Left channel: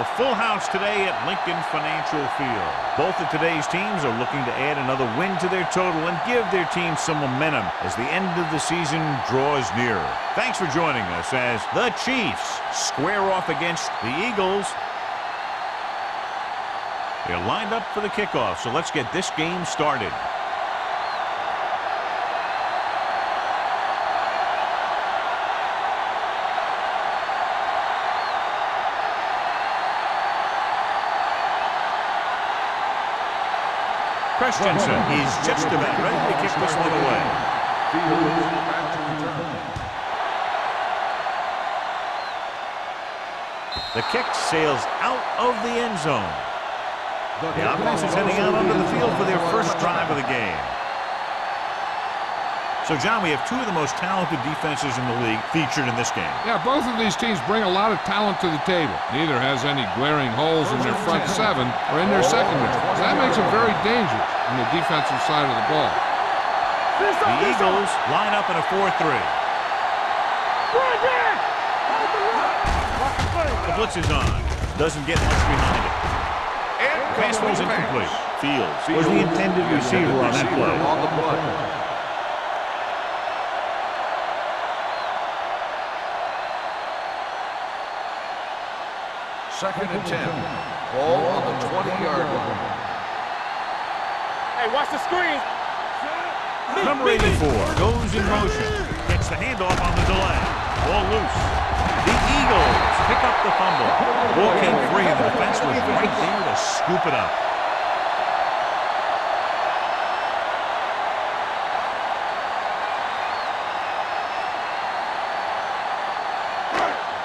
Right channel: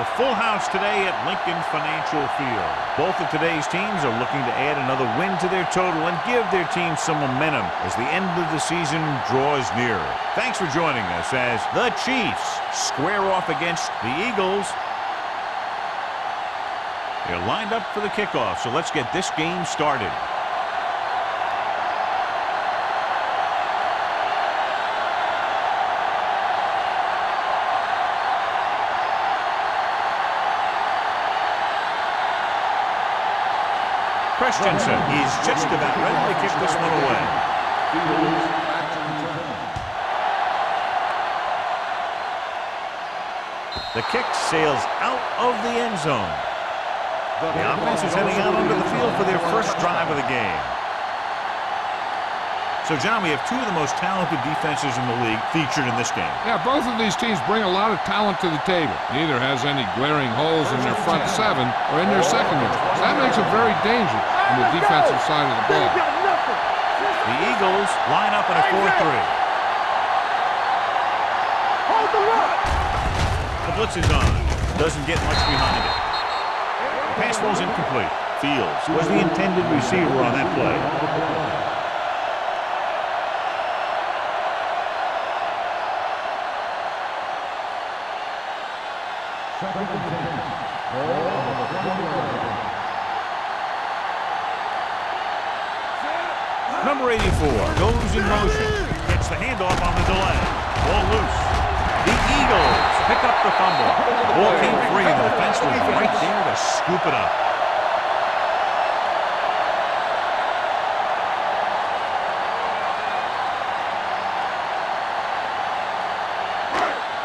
A full house today at Lincoln Financial Field. Both of today's teams are looking to add another win to their total and give their team some momentum as the end of the season draws nearer. Thanks for joining us as the Chiefs square off against the Eagles. They're lined up for the kickoff, so let's get this game started. Christensen is just about ready to kick this one away. Fields back to return. The kick sails out of the end zone. The offense is heading out onto the field for their first drive of the game. So, John, we have two of the most talented defenses in the league featured in this game. Yeah, both of these teams bring a lot of talent to the table. Neither has any glaring holes in their front seven or in their secondary. So that makes them very dangerous on the defensive side of the ball. The Eagles line up in a 4-3. The blitz is on. Doesn't get much behind it. The pass ball's incomplete. Fields was the intended receiver on that play. Second and 10. Ball on the 20-yard line. Hey, watch the screen. Number 84 goes in motion. Gets the handoff on the delay. Ball loose. The Eagles pick up the fumble. The ball came free. The defense was right there to scoop it up.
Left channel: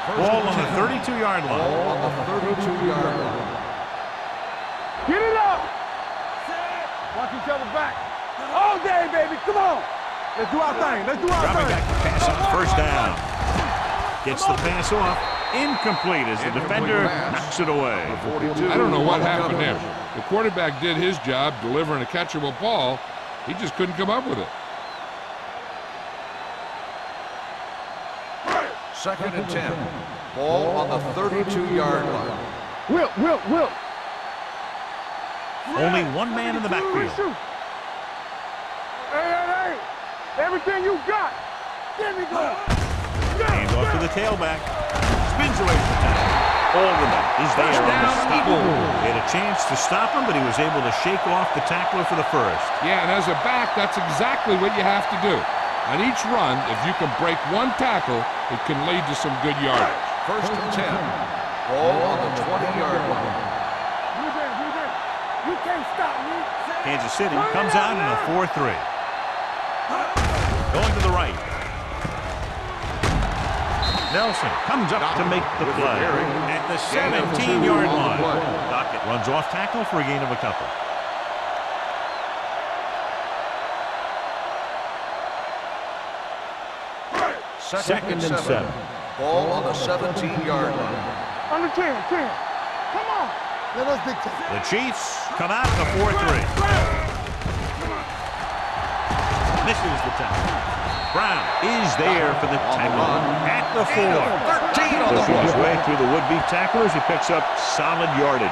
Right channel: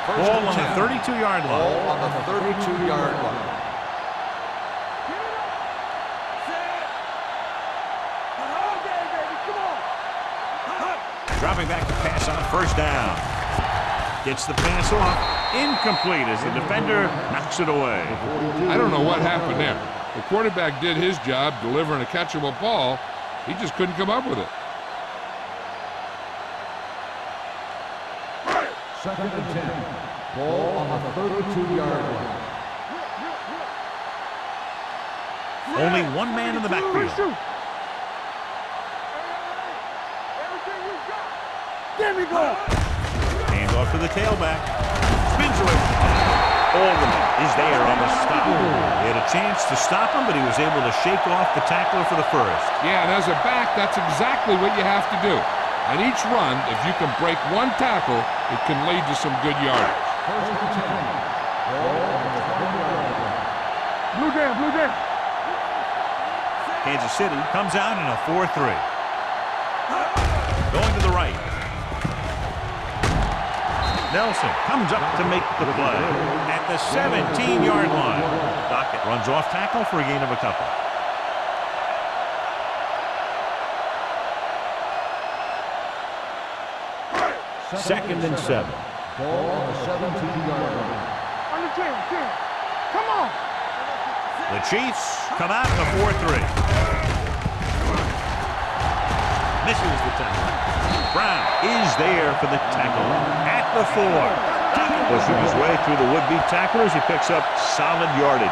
Ball on the 32-yard line. Ball on the 32-yard line. Get it up. Set. Watch each other back. All day, baby. Come on. Let's do our thing. Let's do our Dropping thing. back to pass on first down. Gets the pass off. Incomplete as the defender knocks it away. I don't know what happened there. The quarterback did his job delivering a catchable ball. He just couldn't come up with it. Second and 10. Ball on the 32-yard line. Will. Only one man in the backfield. Hey. Everything you got. Let me go. Hands off to the tailback. Spins away from the tackle. Alderman is there on the stop. They had a chance to stop him, but he was able to shake off the tackler for the first. Yeah, and as a back, that's exactly what you have to do. On each run, if you can break one tackle, it can lead to some good yardage. First and 10. Ball on the 20-yard line. Blue jam. You can't stop me. Kansas City comes out in a 4-3. Going to the right. Nelson comes up to make the play at the 17-yard line. Dockett runs off tackle for a gain of a couple. Second and 7. Ball on the 17-yard line. On the 10. Come on. The Chiefs come out in a 4-3. Misses the tackle. Brown is there for the tackle at the 4. Pushing his way through the would-be tacklers, he picks up solid yardage.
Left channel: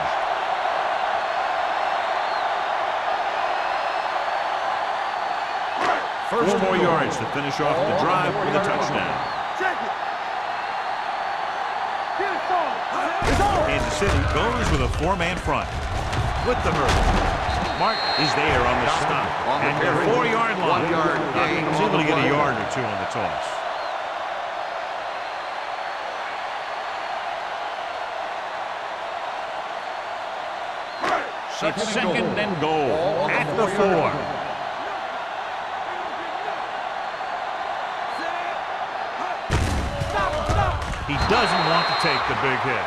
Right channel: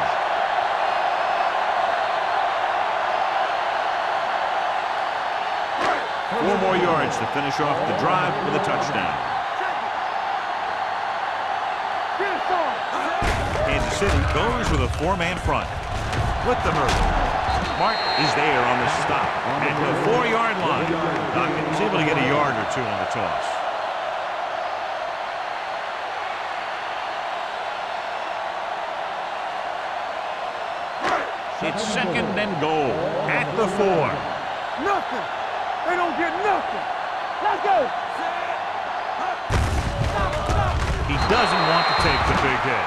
Four more yards to finish off the drive with a touchdown. Check it. Get it started. Kansas City goes with a 4-man front. With the hurdle. Martin is there on the stop at the 4-yard line. Dockett is able to get a yard or two on the toss. It's second and goal at the 4. Nothing. They don't get nothing. Let's go. Set. Stop. He doesn't want to take the big hit.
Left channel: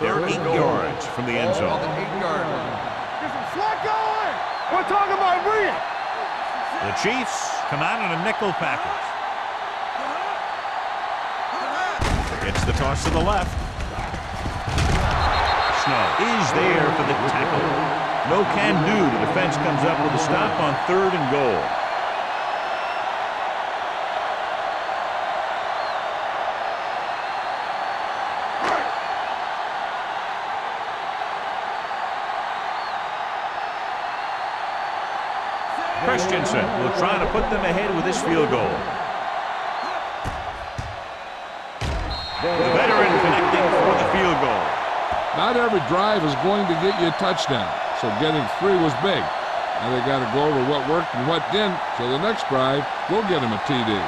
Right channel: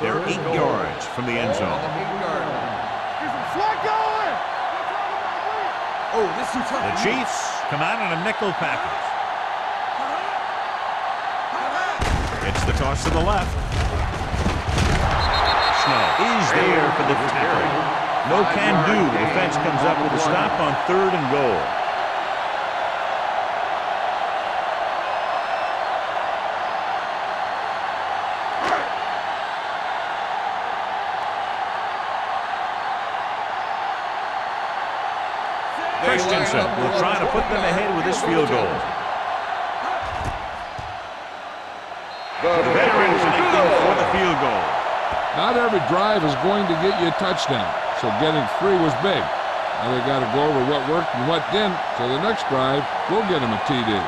They're 8 yards from the end zone. On the 8-yard line. Get some slack going. We're talking about brilliant. Oh, this is The Chiefs come out in a nickel package. Gets the toss to the left. Snow is there for the tackle No can do. The defense comes up with a stop on 3rd and goal. Christensen will try to put them ahead with this field goal. The veteran connecting for the field goal. Not every drive is going to get you a touchdown, so getting 3 was big. Now they got to go over what worked and what didn't, so the next drive will get them a TD.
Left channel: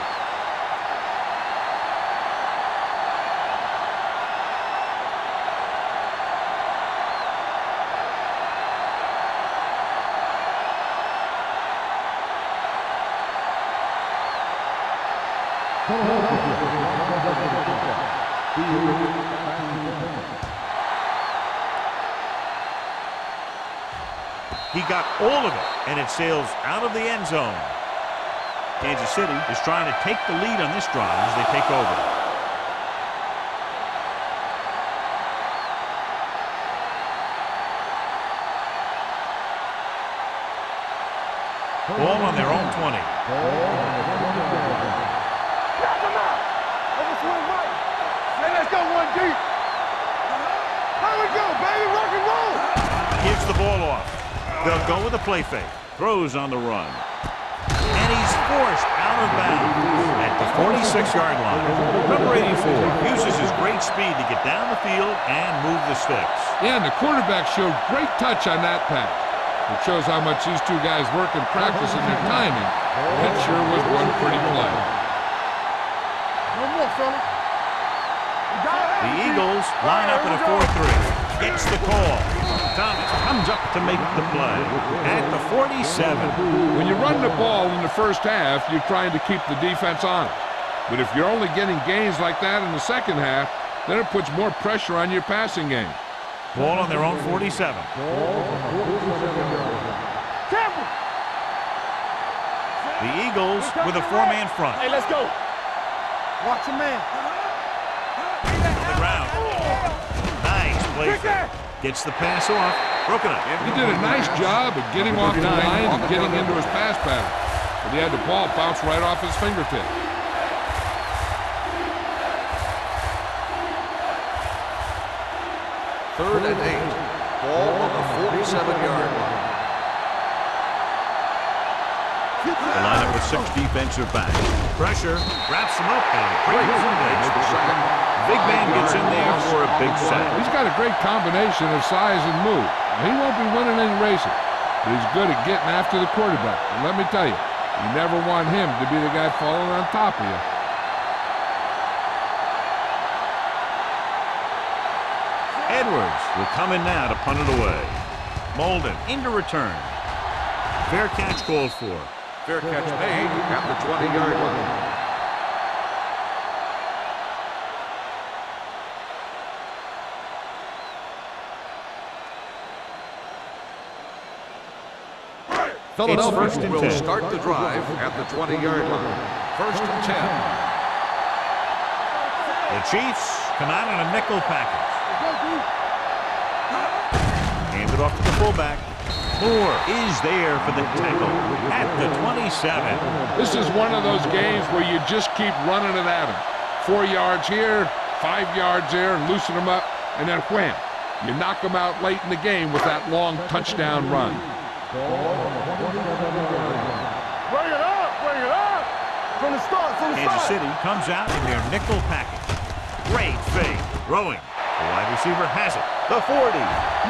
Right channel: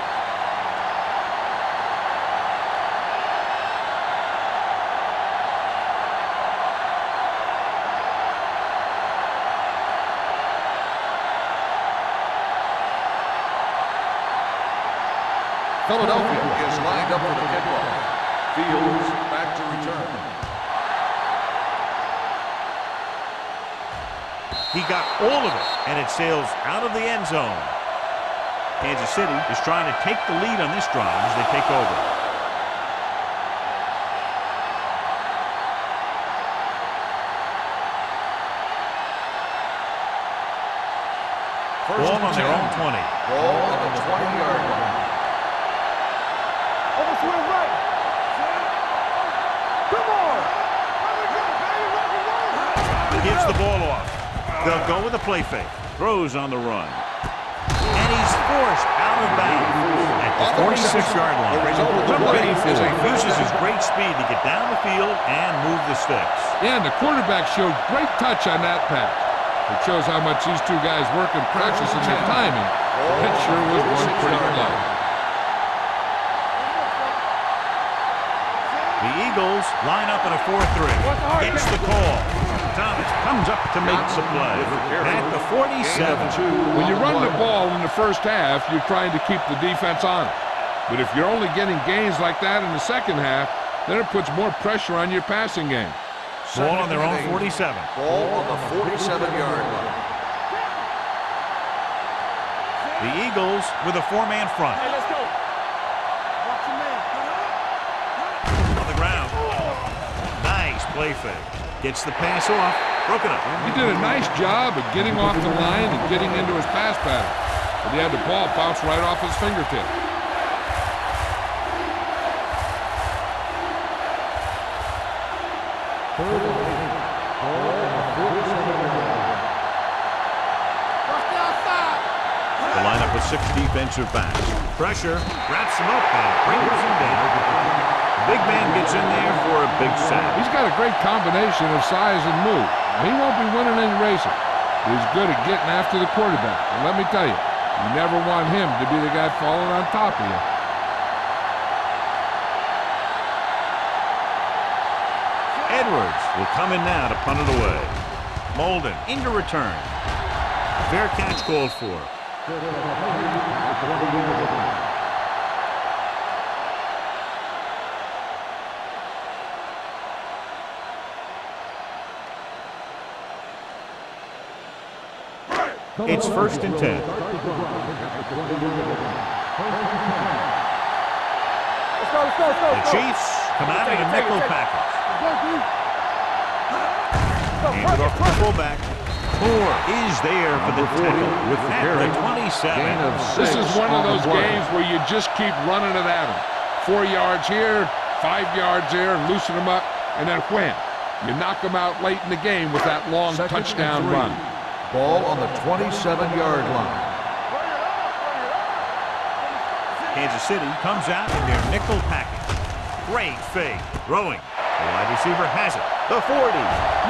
Philadelphia is lined up for the kickoff. Fields back to return. He got all of it, and it sails out of the end zone. Kansas City is trying to take the lead on this drive as they take over. Ball on their own 20. Ball on the 20-yard line. Overswing right. Let's go one deep. Come on. Here we go, baby. Rock and roll. Gives the ball off. They'll go with a play fake. Throws on the run. And he's forced out of bounds at the 46-yard line. Number 84 uses his great speed to get down the field and move the sticks. Yeah, and the quarterback showed great touch on that pass. It shows how much these two guys work and practice in their timing. That sure was one pretty play. One more, fella. The Eagles line up in a 4-3. Gets the call. Thomas comes up to make the play at the 47. When you run the ball in the first half, you're trying to keep the defense honest. But if you're only getting gains like that in the second half, then it puts more pressure on your passing game. Ball on their own 47. Ball on the 47-yard line. The Eagles with a 4-man front. Hey, let's go. Watch the man. On the ground. Nice play fake. Gets the pass off. Broken up. He did a nice job of getting off the line and getting into his pass pattern. But he had the ball bounce right off his fingertip. Third and 8. Ball on the 47-yard line. The lineup with 6 defensive backs. Pressure, wraps him up and brings him down. The big man gets in there for a big sack. He's got a great combination of size and move. Now, he won't be winning any races, but he's good at getting after the quarterback. And let me tell you, you never want him to be the guy falling on top of you. Edwards will come in now to punt it away. Molden into return. Fair catch called for. Fair catch made at the 20-yard line. It's 1st and 10. Start the drive at the 20-yard line. 1st and 10. Let's go, let's go, let's go. The Chiefs come out in a nickel package. Let's go, dude. Hand it off to the fullback. Moore is there for the tackle at the 27. This is one of those games where you just keep running it at him. 4 yards here, 5 yards there, and loosen them up, and then wham. You knock them out late in the game with that long touchdown run. Ball on the 27-yard line. Bring it up, bring it up. From the start, from the Kansas start. City comes out in their nickel package. Great fake. Throwing. The wide receiver has it. The 40.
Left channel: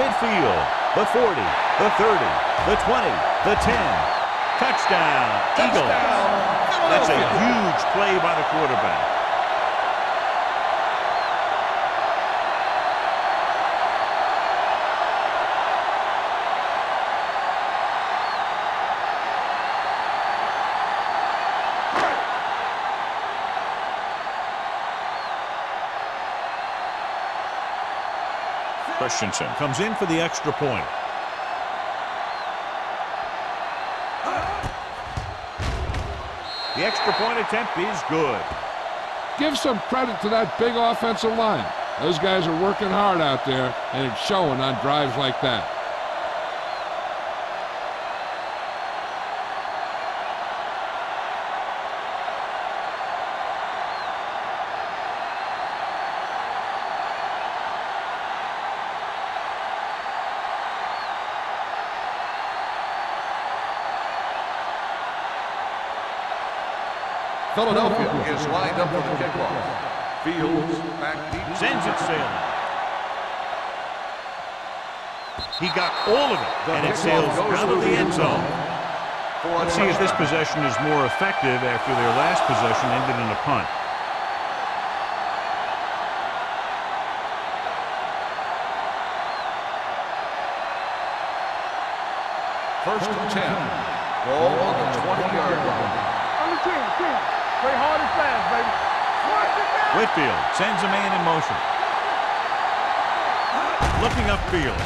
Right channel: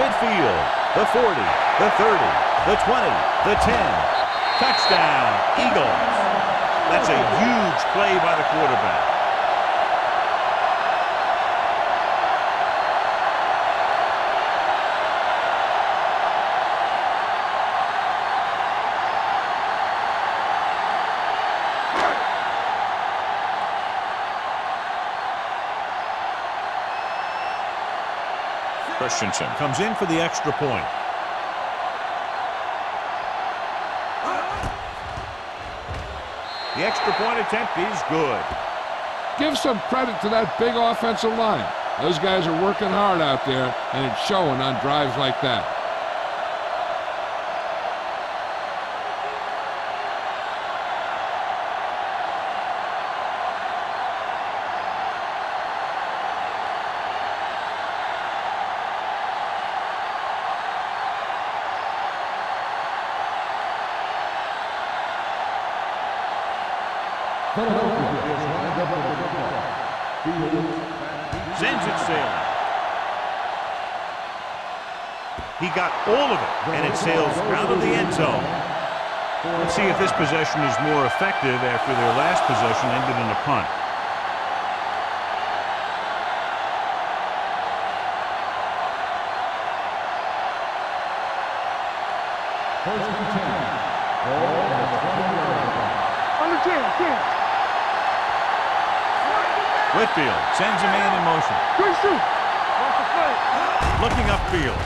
Midfield. The 40. The 30. The 20. The 10. Touchdown. Eagles. That's a huge play by the quarterback. Christensen comes in for the extra point. The extra point attempt is good. Give some credit to that big offensive line. Those guys are working hard out there, and it's showing on drives like that. Philadelphia is lined up for the kickoff. Fields back. Sends it sailing. He got all of it, and it sails out of the end zone. Let's see if this possession is more effective after their last possession ended in a punt. First and 10. Ball on the 20-yard line. On the 10. Play hard and fast, baby. Whitfield sends a man in motion. Quick shoot. Watch the play. Looking upfield.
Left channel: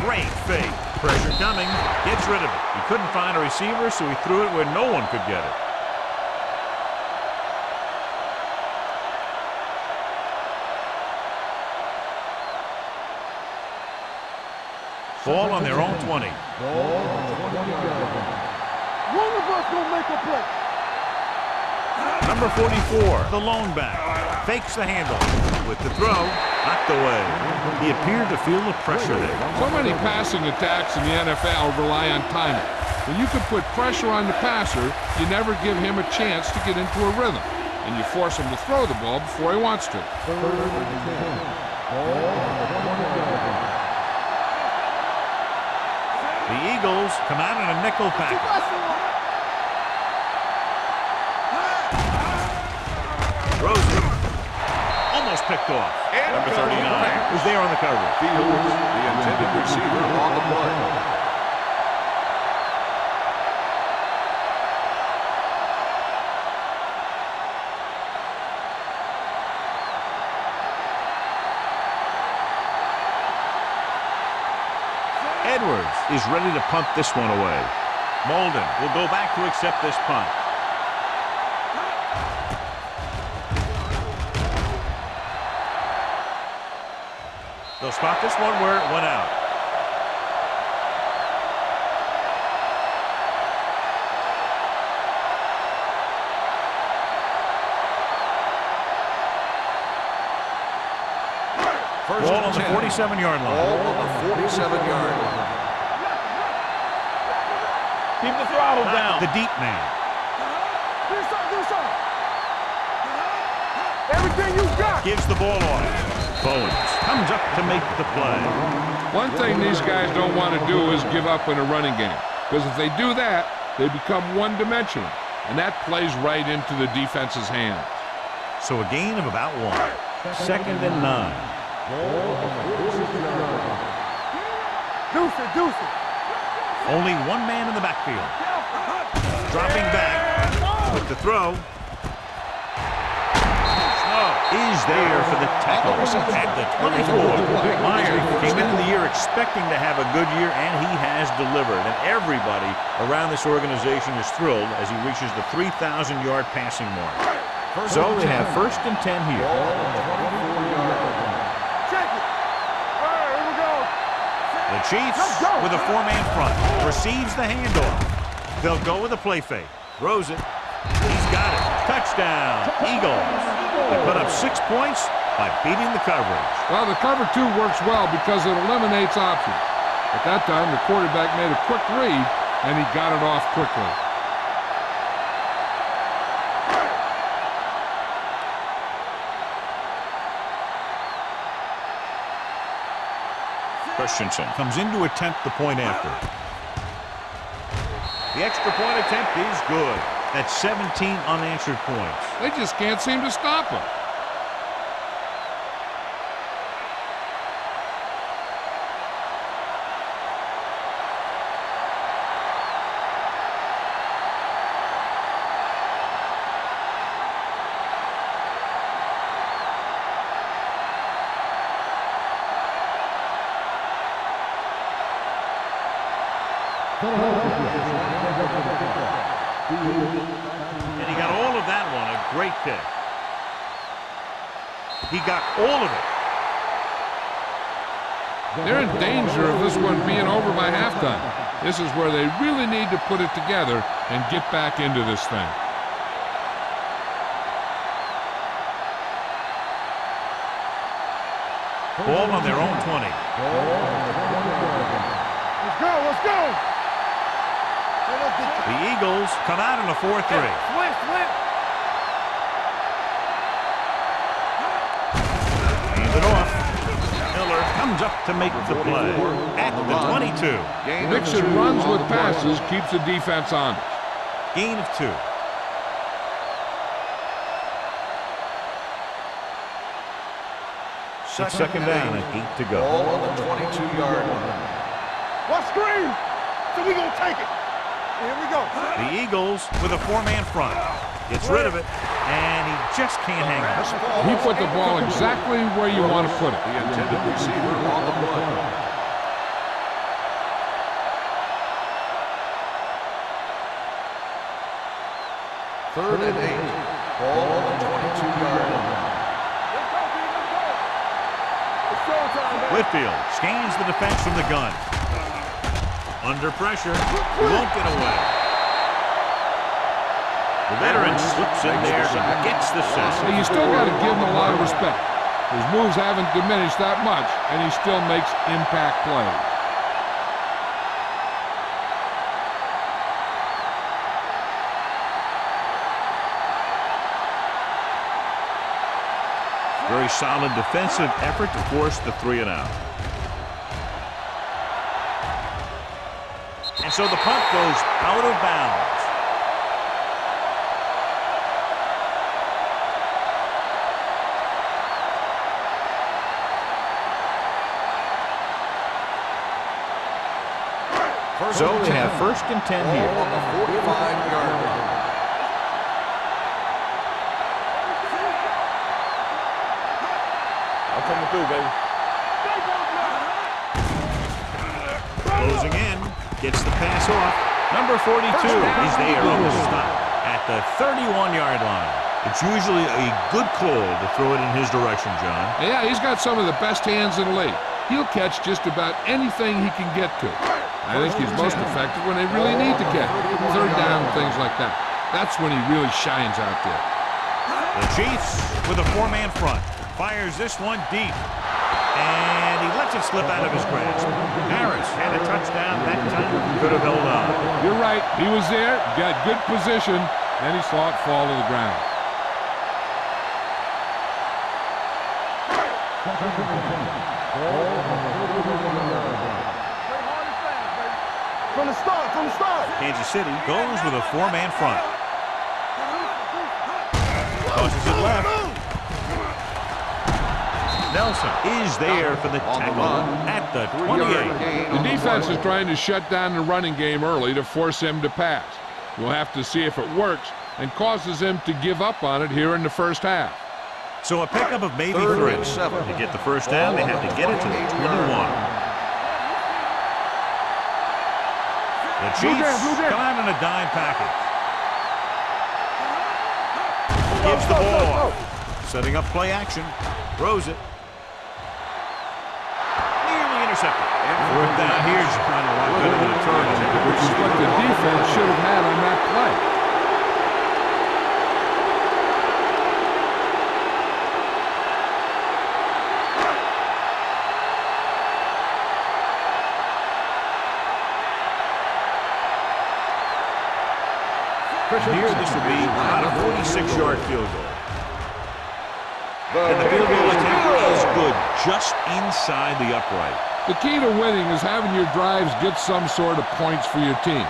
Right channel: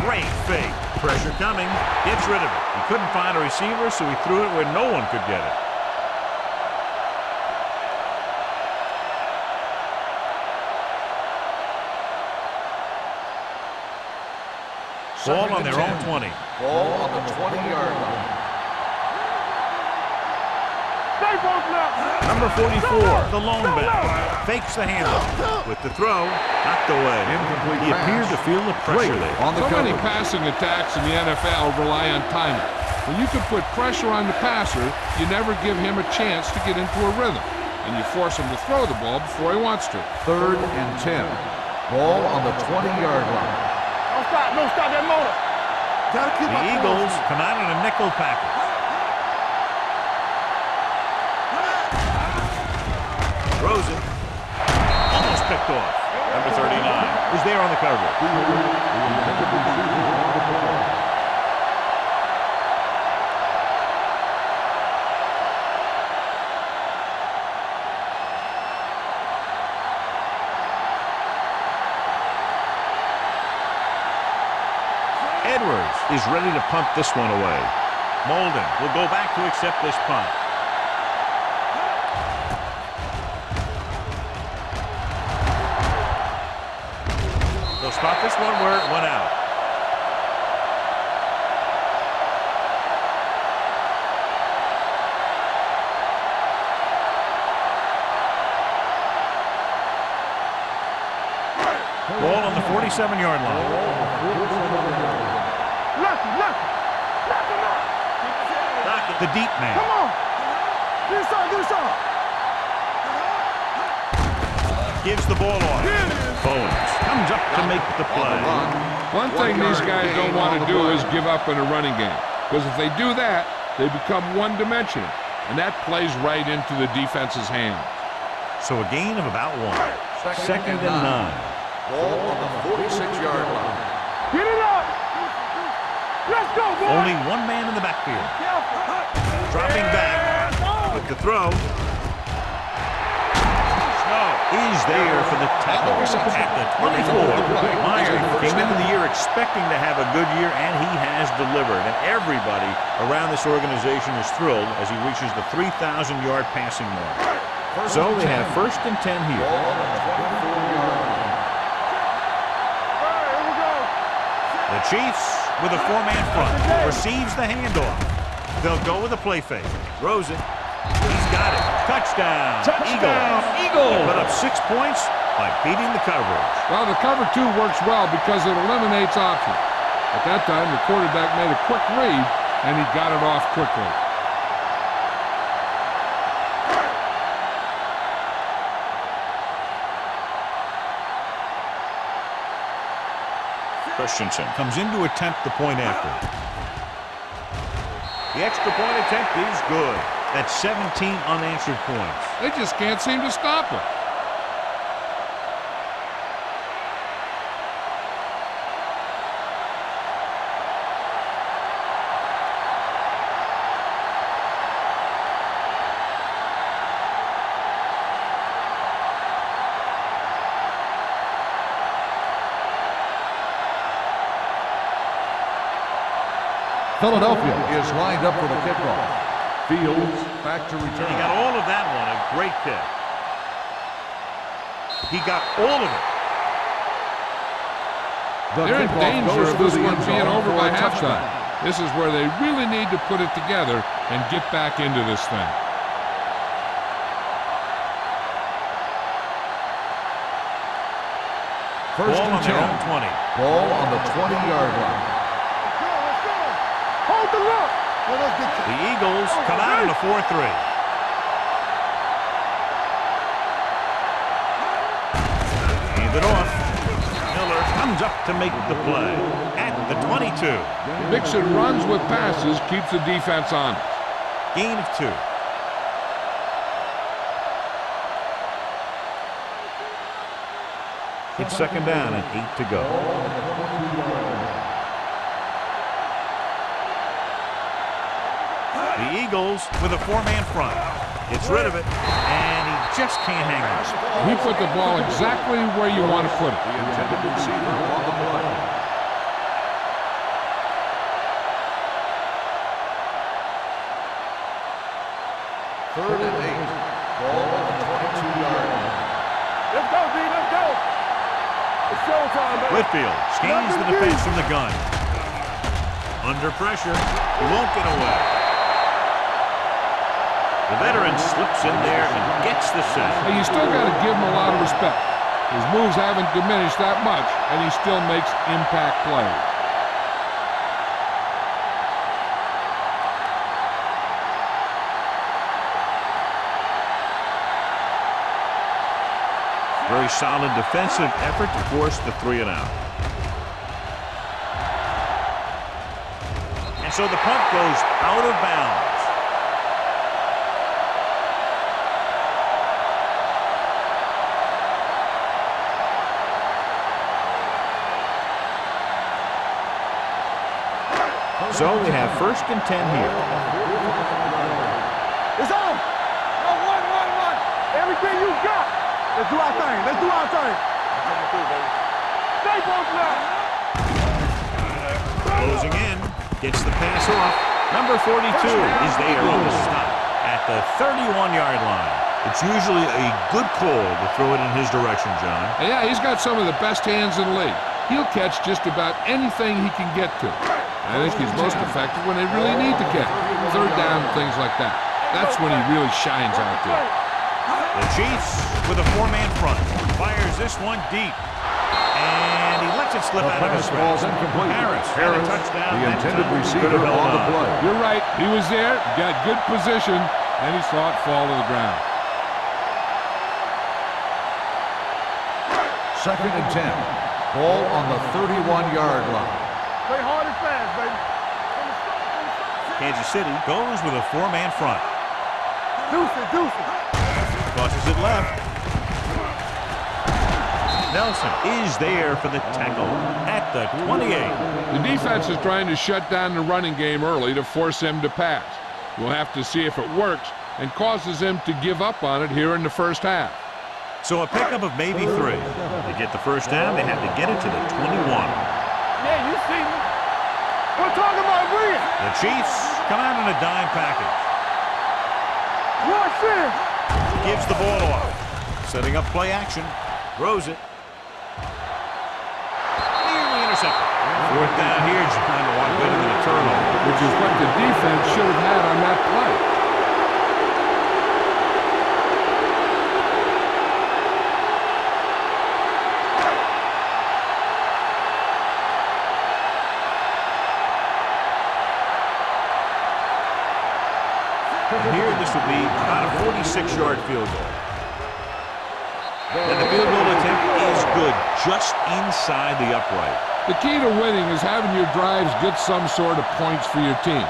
Great fake. Pressure coming. Gets rid of it. He couldn't find a receiver, so he threw it where no one could get it. Ball on their own 20. Ball on the 20-yard line. One of us will make a play. Stay both left. Number 44, the lone back. Fakes the handle. With the throw, knocked away. He appeared to feel the pressure there. So many passing attacks in the NFL rely on timing. When you can put pressure on the passer, you never give him a chance to get into a rhythm, and you force him to throw the ball before he wants to. Third and 10. Ball on the 20-yard line. Don't stop that motor. The Eagles come out in a nickel package. Throws it. Almost picked off. Number 39 was there on the coverage. Fields, the intended receiver on the play. Edwards is ready to punt this one away. Molden will go back to accept this punt. They'll spot this one where it went out. Ball on the 47-yard line. Ball on the 47-yard line. Lucky. Knock him out. Keep the throttle Knocked down. the deep man. Do some. Everything you got. Gives the ball off. Bowens comes up to make the play. One thing these guys don't want to do is give up in a running game, because if they do that, they become one-dimensional, and that plays right into the defense's hands. So a gain of about 1. Second and 9. Ball on the 46-yard line. Get it up. Deuce it. Let's go, boy. Only one man in the backfield. Careful. Dropping back with the throw. Snow is there for the tackle at the 24. Meyer came into the year expecting to have a good year, and he has delivered. And everybody around this organization is thrilled as he reaches the 3,000-yard passing mark. So they have first and 10 here. Ball on the 24-yard line. Check it. All right, here we go. The Chiefs with a 4-man front. Receives the handoff. They'll go with a play fake. Throws it. He's got it. Touchdown. Eagles. He put up 6 points by beating the coverage. Well, the cover 2 works well because it eliminates options. At that time, the quarterback made a quick read, and he got it off quickly. Christensen comes in to attempt the point after. The extra point attempt is good. That's 17 unanswered points. They just can't seem to stop him. Philadelphia is lined up for the kickoff. Fields back to return. And he got all of that one. A great kick. He got all of it. They're in danger of this one being over by halftime. This is where they really need to put it together and get back into this thing. Ball on their own 20. Ball on the 20-yard line. Let's go. Hold the look. The Eagles come out in a 4-3. Hands it off. Miller comes up to make the play at the 22. Mixing runs with passes keeps the defense honest. Gain of 2. It's second down and 8 to go. Ball on the 22-yard line. What screen? So we gonna take it. Here we go. The Eagles with a 4-man front. Gets rid of it, and he just can't hang on. He put the ball exactly where you want to put it. The intended receiver on the play. Third and 8. Ball on the 22-yard line. Let's go, D. Let's go. It's showtime, baby. Whitfield scans the defense from the gun. Under pressure, he won't get away. The veteran slips in there and gets the sack. Hey, you still got to give him a lot of respect. His moves haven't diminished that much, and he still makes impact plays. Very solid defensive effort to force the 3-and-out. And so the punt goes out of bounds. So they have first and 10 here. On the 45-yard line. It's on. Run. Everything you got. Let's do our thing. Let's do our thing. I'm coming through, baby. Stay both now. Closing in. Gets the pass off. Number 42 is there on the stop at the 31-yard line. It's usually a good call to throw it in his direction, John. Yeah, he's got some of the best hands in the league. He'll catch just about anything he can get to. I think he's most effective when they really need to catch. Third down, things like that. That's when he really shines out there. The Chiefs with a 4-man front. Fires this one deep. And he lets it slip out of his grasp. Harris had a touchdown that time. Could have held on. You're right. He was there, got good position, then he saw it fall to the ground. Second and 10. Ball on the 31-yard line. Play hard and fast, baby. From the start. Kansas City goes with a 4-man front. Tosses it left. Nelson is there for the tackle at the 28. The defense is trying to shut down the running game early to force him to pass. We'll have to see if it works and causes him to give up on it here in the first half. So a pickup of maybe 3. To get the first down, they have to get it to the 21. The Chiefs come out in a dime package. Gives the ball off. Setting up play action. Throws it. Nearly intercepted. Fourth down here, John, a lot better than a turnover. Which is what the defense should have had on that play. Here, this will be about a 46-yard field goal. And the field goal attempt is good, just inside the upright. The key to winning is having your drives get some sort of points for your team.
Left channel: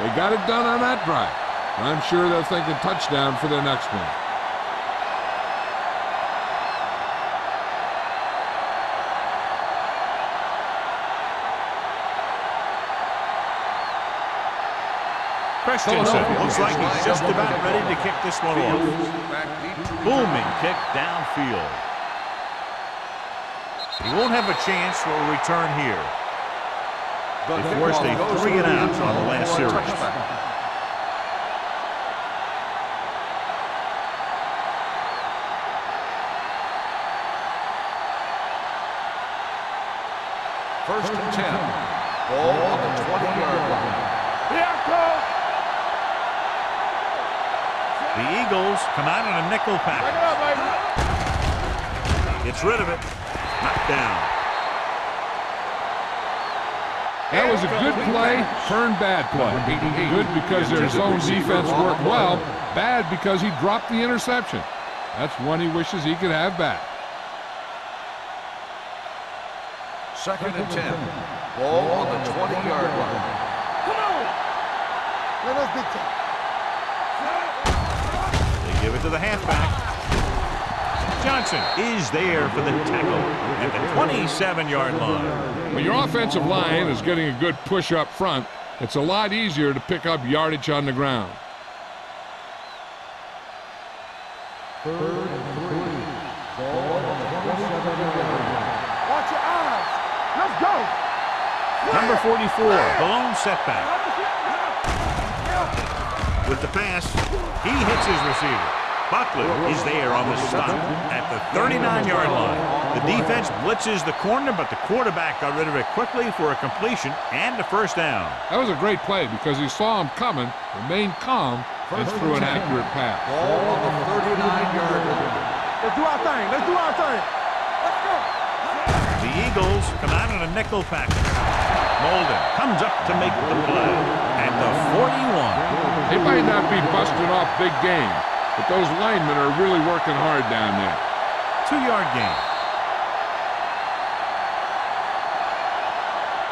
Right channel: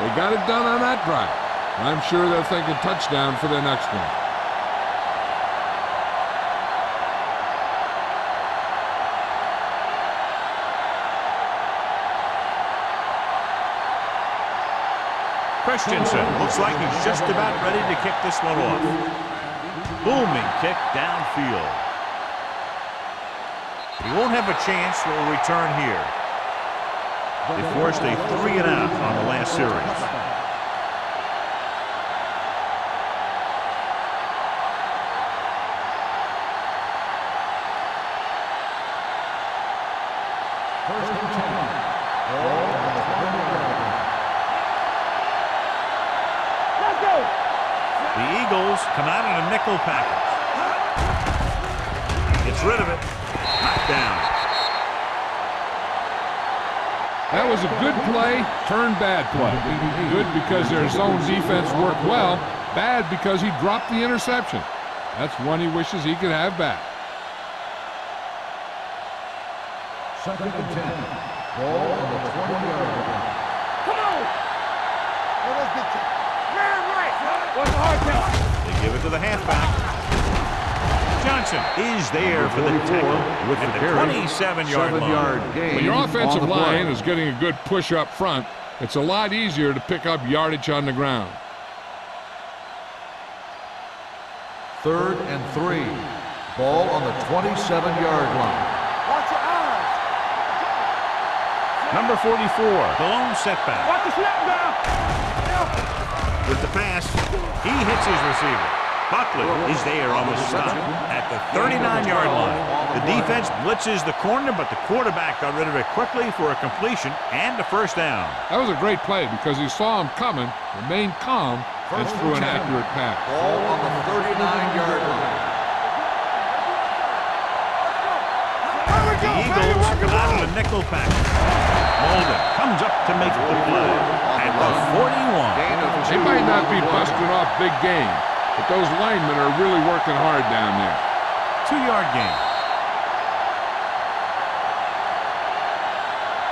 They got it done on that drive. And I'm sure they're thinking touchdown for their next one. Christensen looks like he's just about ready to kick this one off. Booming kick downfield. He won't have a chance for a return here. They forced a 3-and-out on the last series. First and 10. Ball on the 20-yard line. The Eagles come out in a nickel package. Gets rid of it. Knocked down. That was a good play, turned bad play. Good because their zone defense worked well. Bad because he dropped the interception. That's one he wishes he could have back. Second and 10. Ball on the 20-yard line. Come on! Let's big time. They give it to the halfback. Johnson is there for the tackle at the 27-yard line. When your offensive line is getting a good push up front, it's a lot easier to pick up yardage on the ground. Third and 3. Ball on the 27-yard line. Watch your eyes. Let's go. Number 44, the lone setback. Watch the snap down. With the pass, he hits his receiver. Buckley is there on the stop at the 39-yard line. The defense blitzes the corner, but the quarterback got rid of it quickly for a completion and a first down. That was a great play because he saw him coming, remained calm, and threw an accurate pass. Ball on the 39-yard line. Let's do our thing. Let's do our thing. Let's go. The Eagles come out in a nickel package. Molden comes up to make the play at the 41. They might not be busting off big games, but those linemen are really working hard down there. 2-yard gain.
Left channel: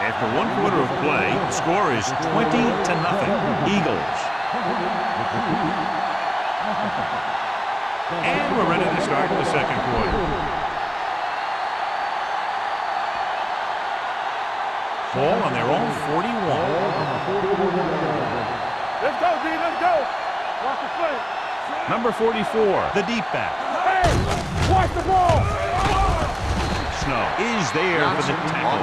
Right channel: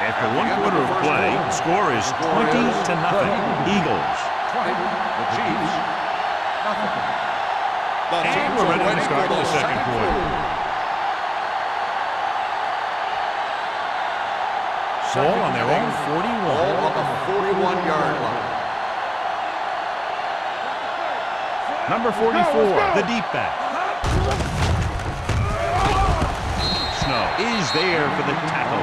After 1 quarter of play, the score is 20-0. Eagles. 20, the Chiefs. Nothing. And we're ready to start the second quarter. Ball on their own 41. Ball on the 41-yard line. Let's go, D. Let's go. Watch the play. Number 44, the deep back. Watch the ball. Snow is there for the tackle.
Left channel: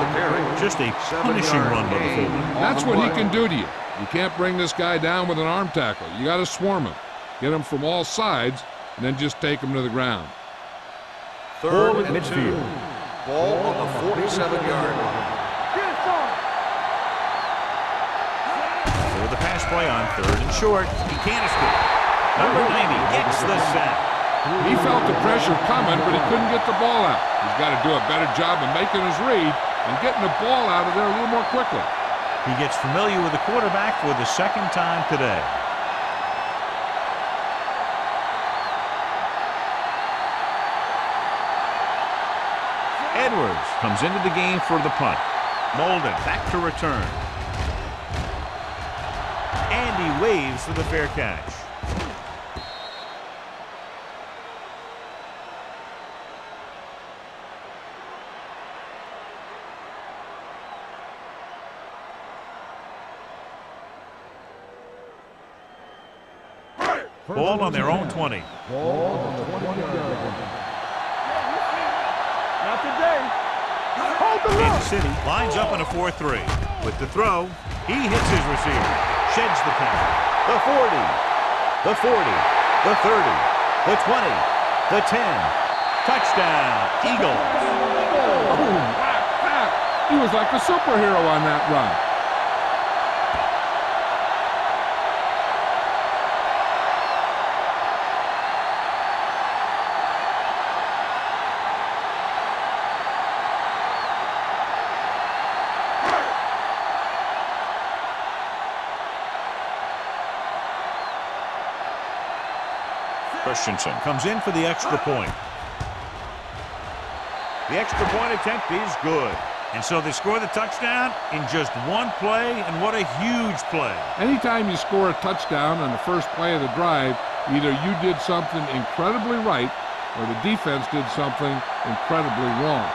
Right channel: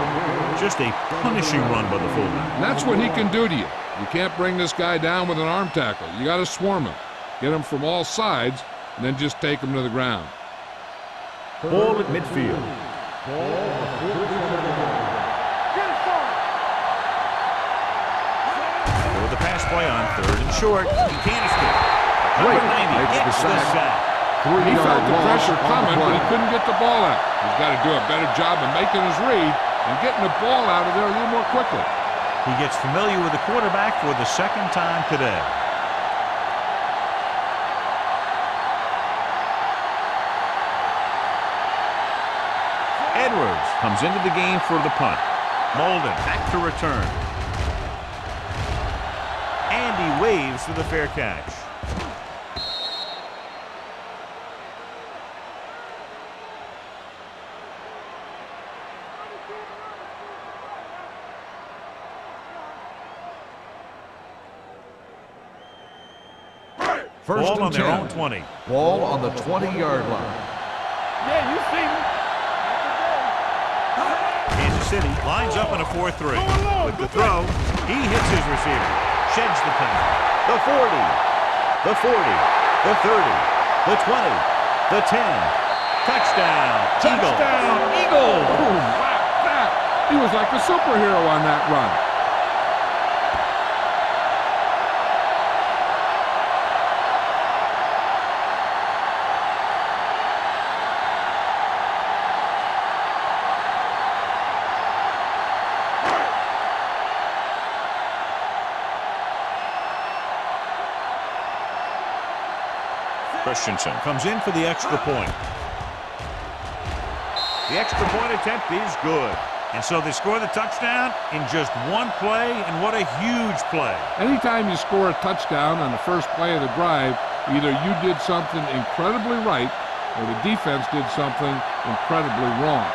Just a punishing run by the fullback. And that's what he can do to you. You can't bring this guy down with an arm tackle. You got to swarm him. Get him from all sides, and then just take him to the ground. Ball at midfield. Ball on the 47-yard line. Get it started. For the pass play on 3rd and short. He can't escape. Number 90 gets the sack. He felt the pressure coming, but he couldn't get the ball out. He's got to do a better job of making his read and getting the ball out of there a little more quickly. He gets familiar with the quarterback for the second time today. Edwards comes into the game for the punt. Molden back to return. And he waves for the fair catch. Ball on their own 20. Ball on the 20-yard line. Yeah, you see me. Not today. Kansas City lines up in a 4-3. With the throw, he hits his receiver. Sheds the penalty. The 40. The 40. The 30. The 20. The 10. Touchdown. Eagles. Oh, wow, that! He was like a superhero on that run. Christensen comes in for the extra point. The extra point attempt is good. And so they score the touchdown in just one play, and what a huge play. Anytime you score a touchdown on the first play of the drive, either you did something incredibly right or the defense did something incredibly wrong.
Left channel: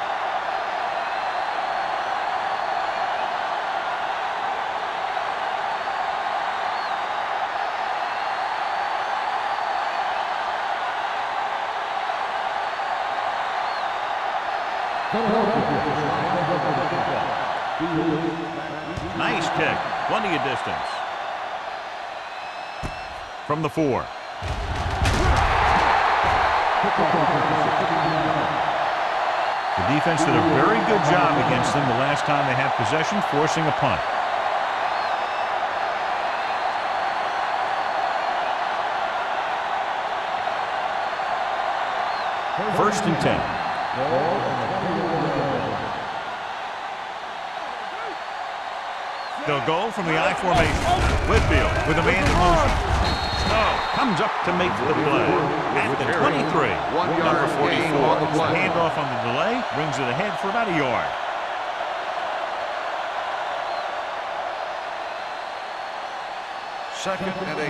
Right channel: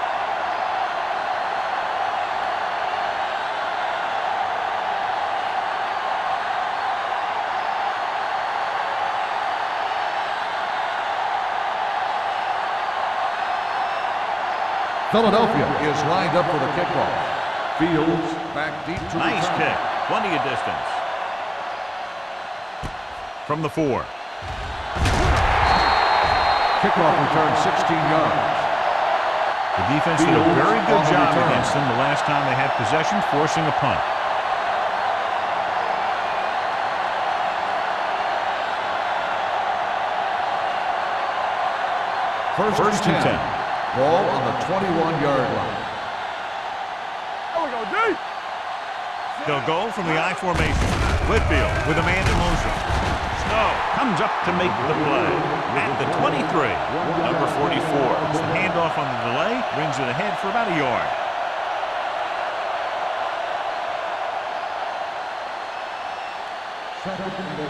Philadelphia is lined up for the kickoff. Fields back deep to Nice kick. Plenty of distance. From the 4. kickoff return 16 yards. The defense did a very good job against them the last time they had possession, forcing a punt. First and 10. Ball on the 21-yard line. They'll go from the I formation. Whitfield with a man in motion. Snow comes up to make the play at the 23. Number 44. It's the handoff on the delay. Brings it ahead for about a yard. Second and 8.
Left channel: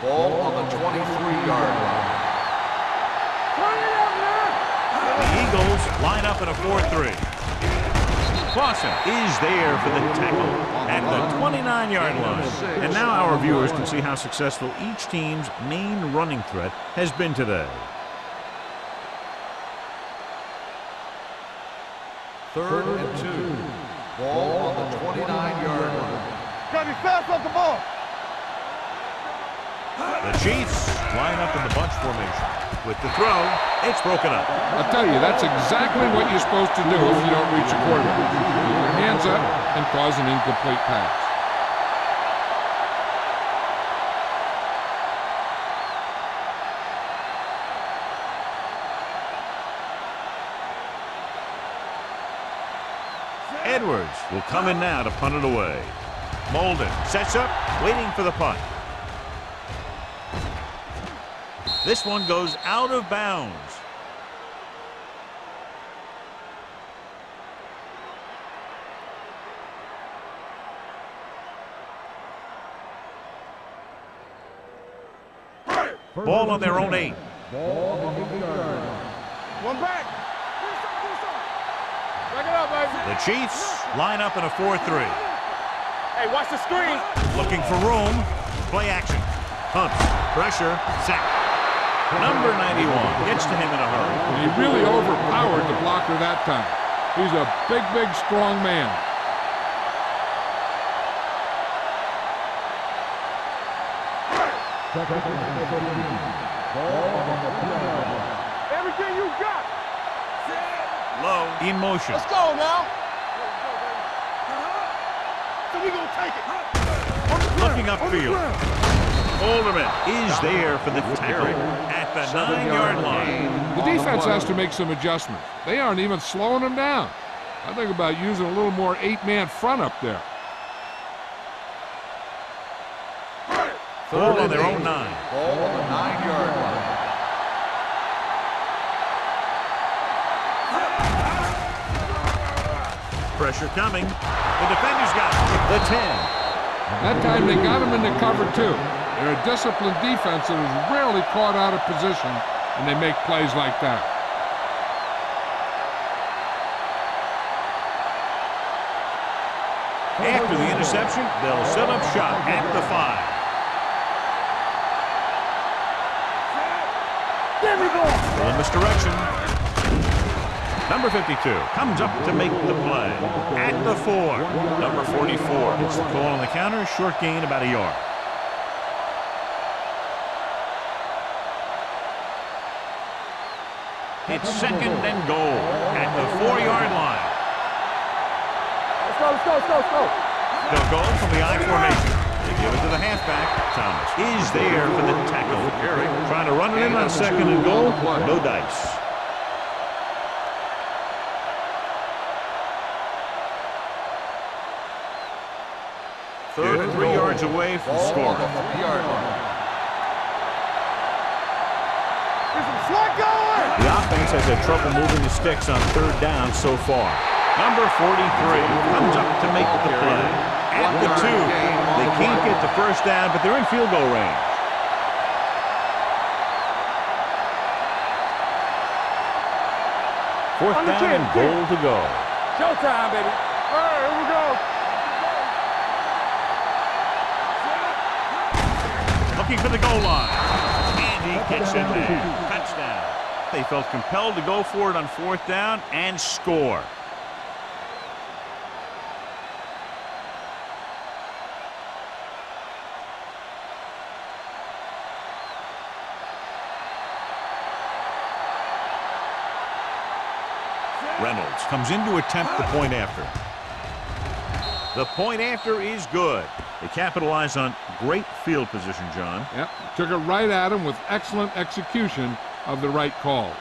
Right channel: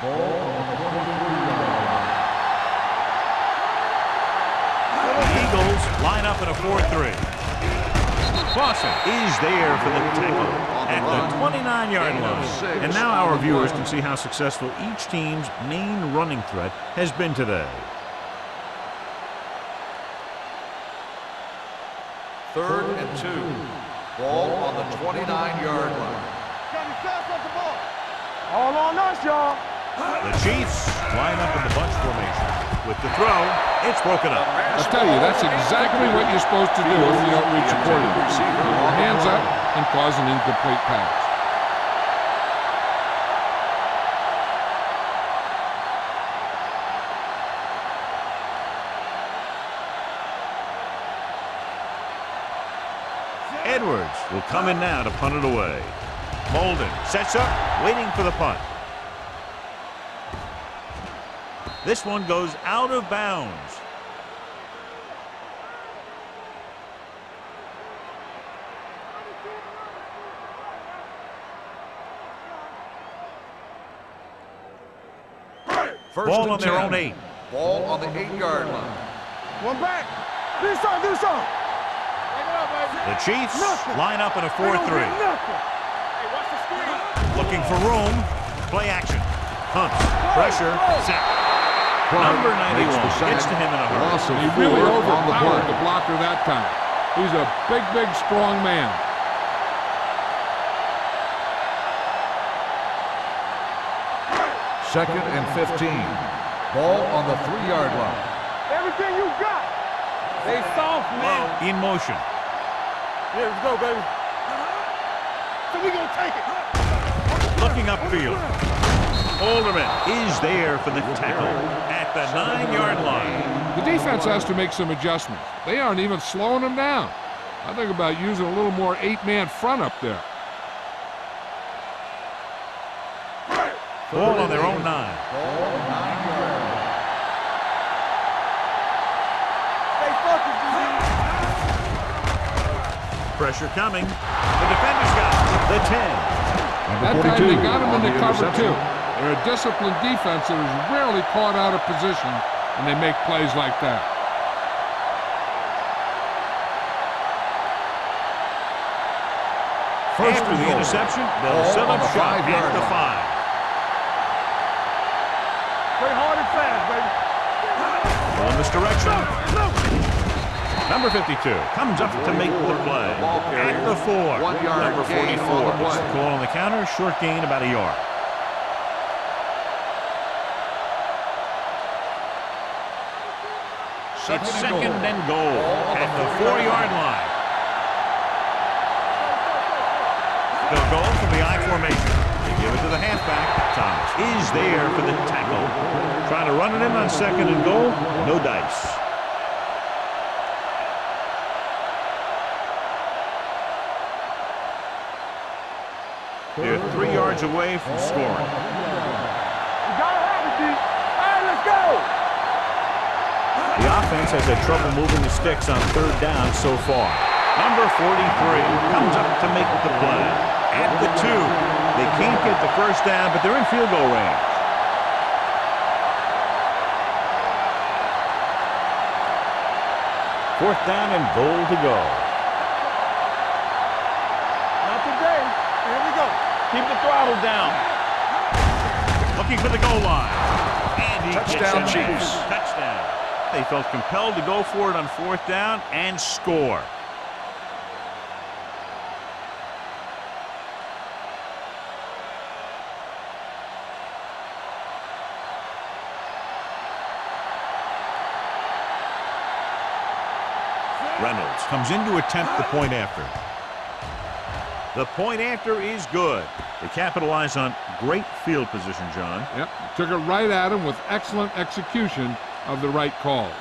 Ball on the 23-yard line. The Eagles line up in a 4-3. Clausen is there for the tackle at the 29-yard line. And now our viewers can see how successful each team's main running threat has been today. Third and 2. Ball on the 29-yard line. Gotta be fast off the ball. All on us, y'all. The Chiefs line up in the bunch formation. With the throw, it's broken up. I tell you, that's exactly what you're supposed to do if you don't reach a quarterback. Keep your hands up and cause an incomplete pass. Edwards will come in now to punt it away. Molden sets up, waiting for the punt. This one goes out of bounds. Ball on their own 8. Ball on the 8-yard line. One back. Do something, do something. Break it up, baby. The Chiefs line up in a 4-3. Hey, watch the screen. Looking for room. Play action. Pumps. Pressure. Sack. Number 91 gets to him in a hurry. He really overpowered the blocker that time. He's a big, strong man. Second and 15. Ball on the 3-yard line. Everything you got. Stay soft. Low in motion. Let's go now. Here we go, baby. So we gonna take it. Looking upfield. Alderman is there for the tackle at the 9-yard line. The defense has to make some adjustments. They aren't even slowing them down. I think about using a little more 8-man front up there. Ball on their own 9. Ball on the 9-yard line. Pressure coming. The defenders got it. The 10. That time they got him in the cover too. They're a disciplined defense that is rarely caught out of position, and they make plays like that. After the interception, they'll set up shop at the 5. Play hard and fast, baby. Well, in this direction. Number 52 comes up to make the play at the 4. Number 44 gets the call on the counter. Short gain, about a yard. It's second and goal at the 4-yard line. They'll go from the I formation. They give it to the halfback. Thomas is there for the tackle. Trying to run it in on second and goal. No dice. They're 3 yards away from scoring. The offense has had trouble moving the sticks on 3rd down so far. Number 43 comes up to make the play. At the 2, they can't get the first down, but they're in field goal range. Fourth down and goal to go. Showtime, baby. All right, here we go. Not today. Here we go. Keep the throttle down. Looking for the goal line. And he gets it there. Touchdown. They felt compelled to go for it on 4th down and score. Reynolds comes in to attempt the point after. The point after is good. They capitalize on great field position, John. Yep, took it right at him with excellent execution of the right calls.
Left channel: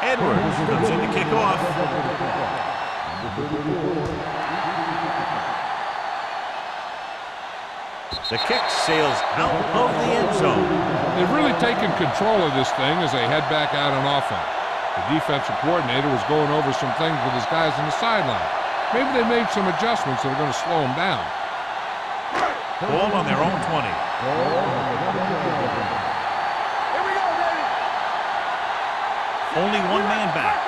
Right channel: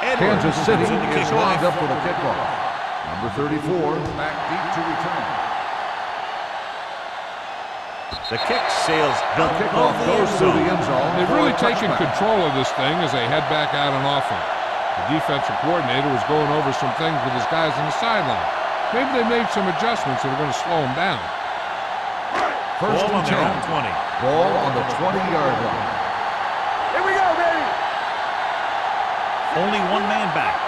Edwards comes in to kick off. Number 34, back deep to return. The kick sails out of the end zone. They've really taken control of this thing as they head back out on offense. The defensive coordinator was going over some things with his guys on the sideline. Maybe they made some adjustments that are going to slow them down. Ball on their own 20. Ball on the 20-yard line. Here we go, baby. Only one man back.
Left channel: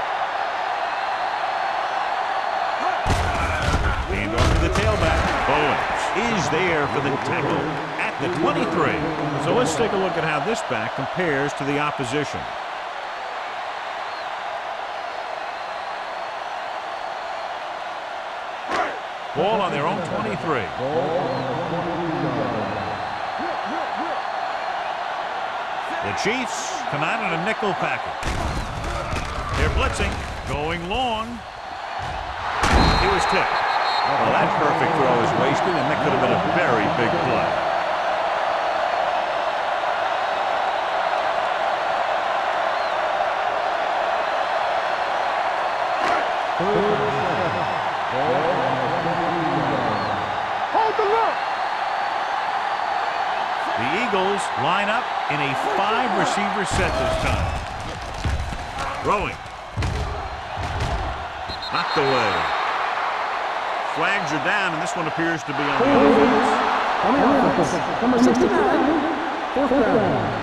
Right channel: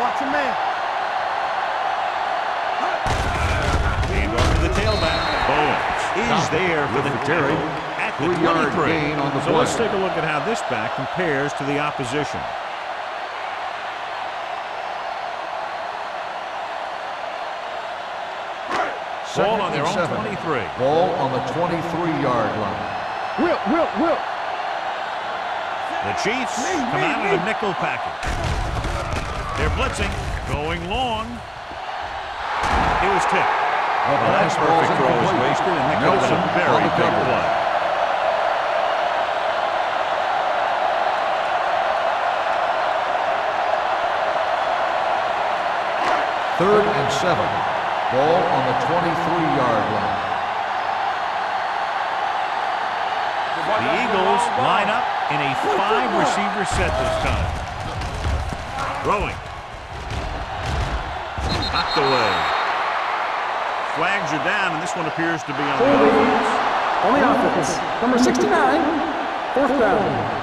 Watch him, man. And off to the tailback. Bowens is there for the tackle at the 23. So let's take a look at how this back compares to the opposition. Ball on their own 23. Ball on the 23-yard line. Will. The Chiefs come out in a nickel package. They're blitzing, going long. It was tipped. Well, that perfect throw is wasted, and that could have been a very big play. Third and 7. Ball on the 23-yard line. Hold the look. The Eagles line up in a 5-receiver set this time. Throwing. Knocked away. Flags are down, and this one appears to be on the offense. On the offense, number 69, fourth down.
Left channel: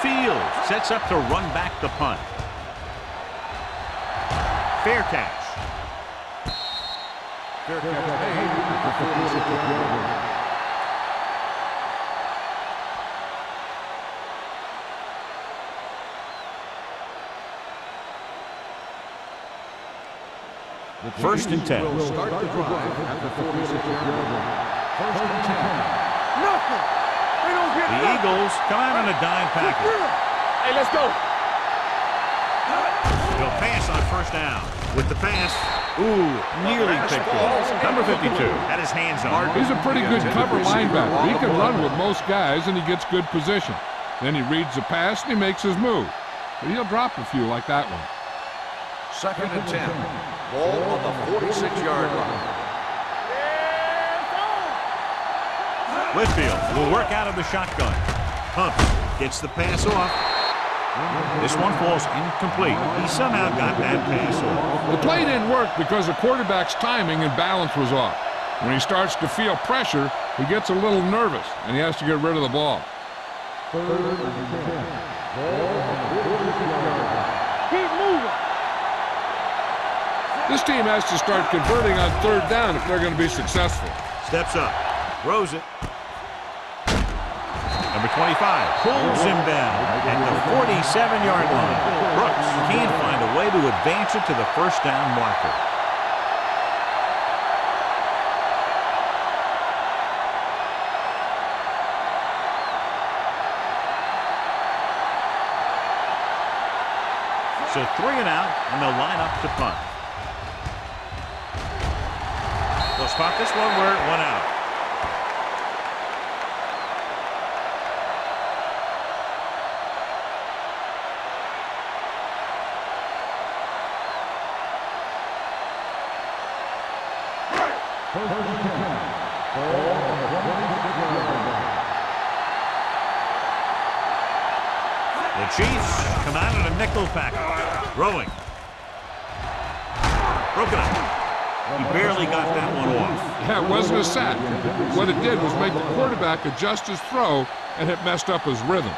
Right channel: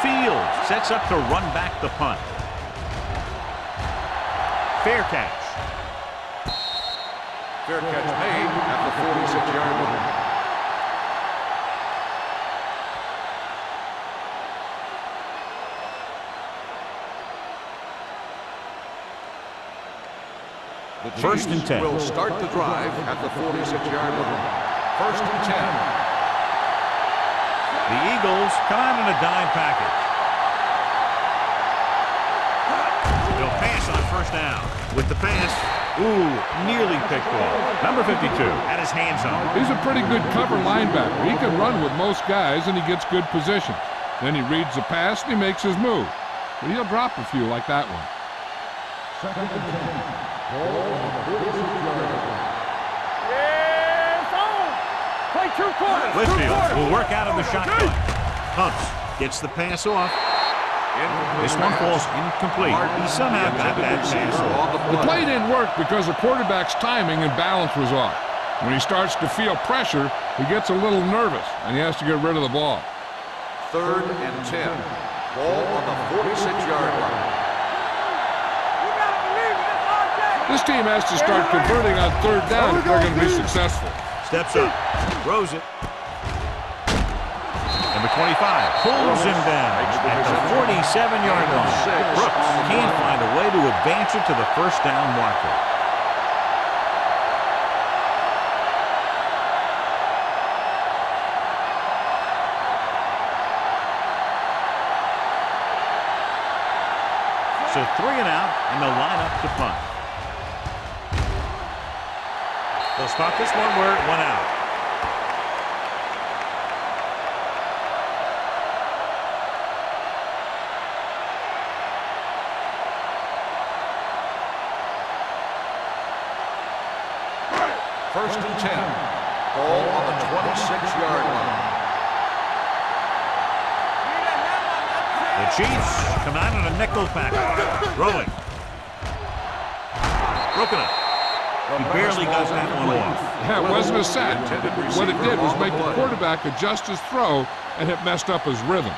Fields sets up to run back the punt. Fair catch. Fair catch made at the 46-yard line. The First and 10. Will start the drive at the 46-yard line. First and 10. The Eagles come out in a dime package. Hey, let's go. They'll pass on first down. With the pass, nearly picked off. Number 52 had his hands on it. He's a pretty good cover linebacker. He can run with most guys, and he gets good position. Then he reads the pass, and he makes his move. But he'll drop a few like that one. Second and 10. Ball on the 46-yard line. Yeah, it's on. Play too close. Whitfield will work out of the shotgun. Humps gets the pass off. This one falls incomplete. He somehow got that pass off. The play didn't work because the quarterback's timing and balance was off. When he starts to feel pressure, he gets a little nervous, and he has to get rid of the ball. Third and 10. Ball on the 46-yard line. Keep moving. You gotta believe it. This team has to start converting on third down if they're going to be successful. Steps up. Throws it. Number 25 pulls him down at the 47-yard line. Brooks can't find a way to advance it to the first down marker. So 3 and out, and they'll line up to punt. They'll spot this one where it went out. First and 10. Ball on the 26-yard line. The Chiefs come out in a nickel package. Throwing. Broken up. He barely got that one off. Yeah, it wasn't a sack. What it did was make the quarterback adjust his throw, and it messed up his rhythm.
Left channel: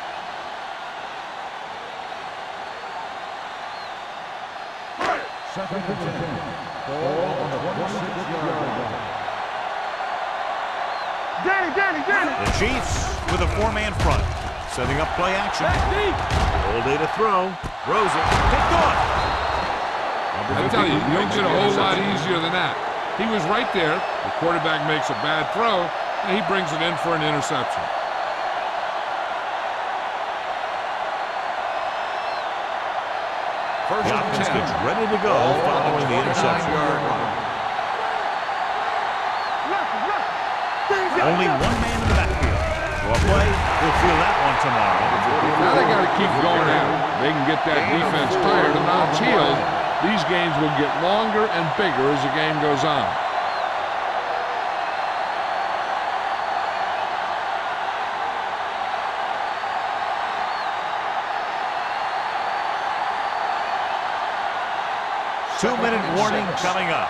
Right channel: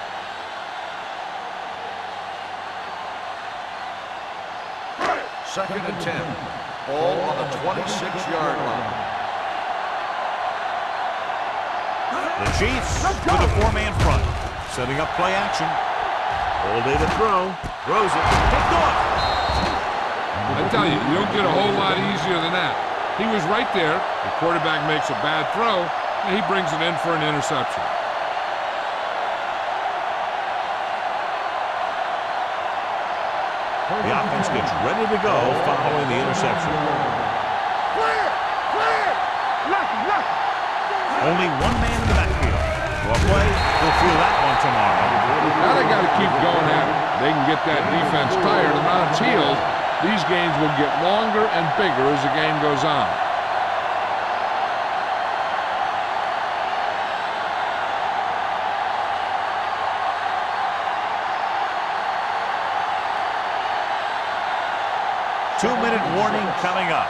Second and 10. Ball on the 26-yard line. Get it. The Chiefs with a 4-man front. Setting up play action. All day to throw. Throws it. Picked off. I tell you, you don't get a whole lot easier than that. He was right there. The quarterback makes a bad throw, and he brings it in for an interception. The offense gets ready to go following the interception. Only one man in the backfield. Well played. He'll feel that one tomorrow. Now they got to keep going at it. They can get that defense tired and on its heels. These games will get longer and bigger as the game goes on. Two-minute warning coming up.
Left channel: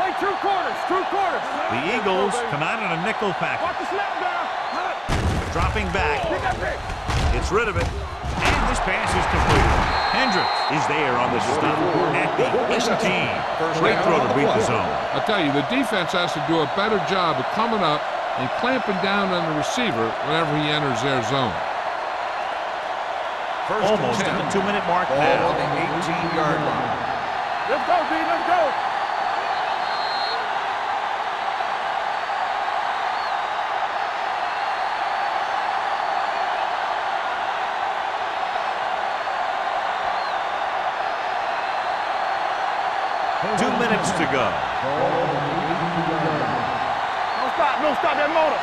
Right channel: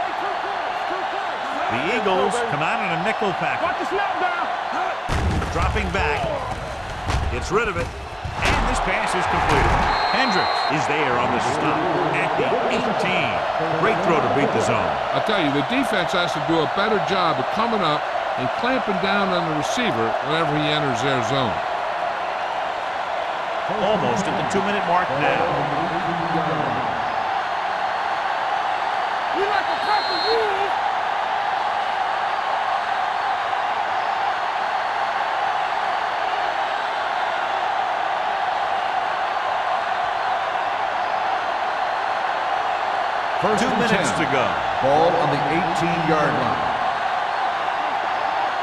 Play true quarters, true quarters. The Eagles come out in a nickel package. Watch the snap down. Dropping back. Gets rid of it. And this pass is completed. Hendricks is there on the stop at the 18. Great throw to beat the zone. I'll tell you, the defense has to do a better job of coming up and clamping down on the receiver whenever he enters their zone. Almost at the 2-minute mark now. Let's go, D, let's go. We like to cover you. First 2 minutes to go. Ball on the 18-yard line. No stop that motor.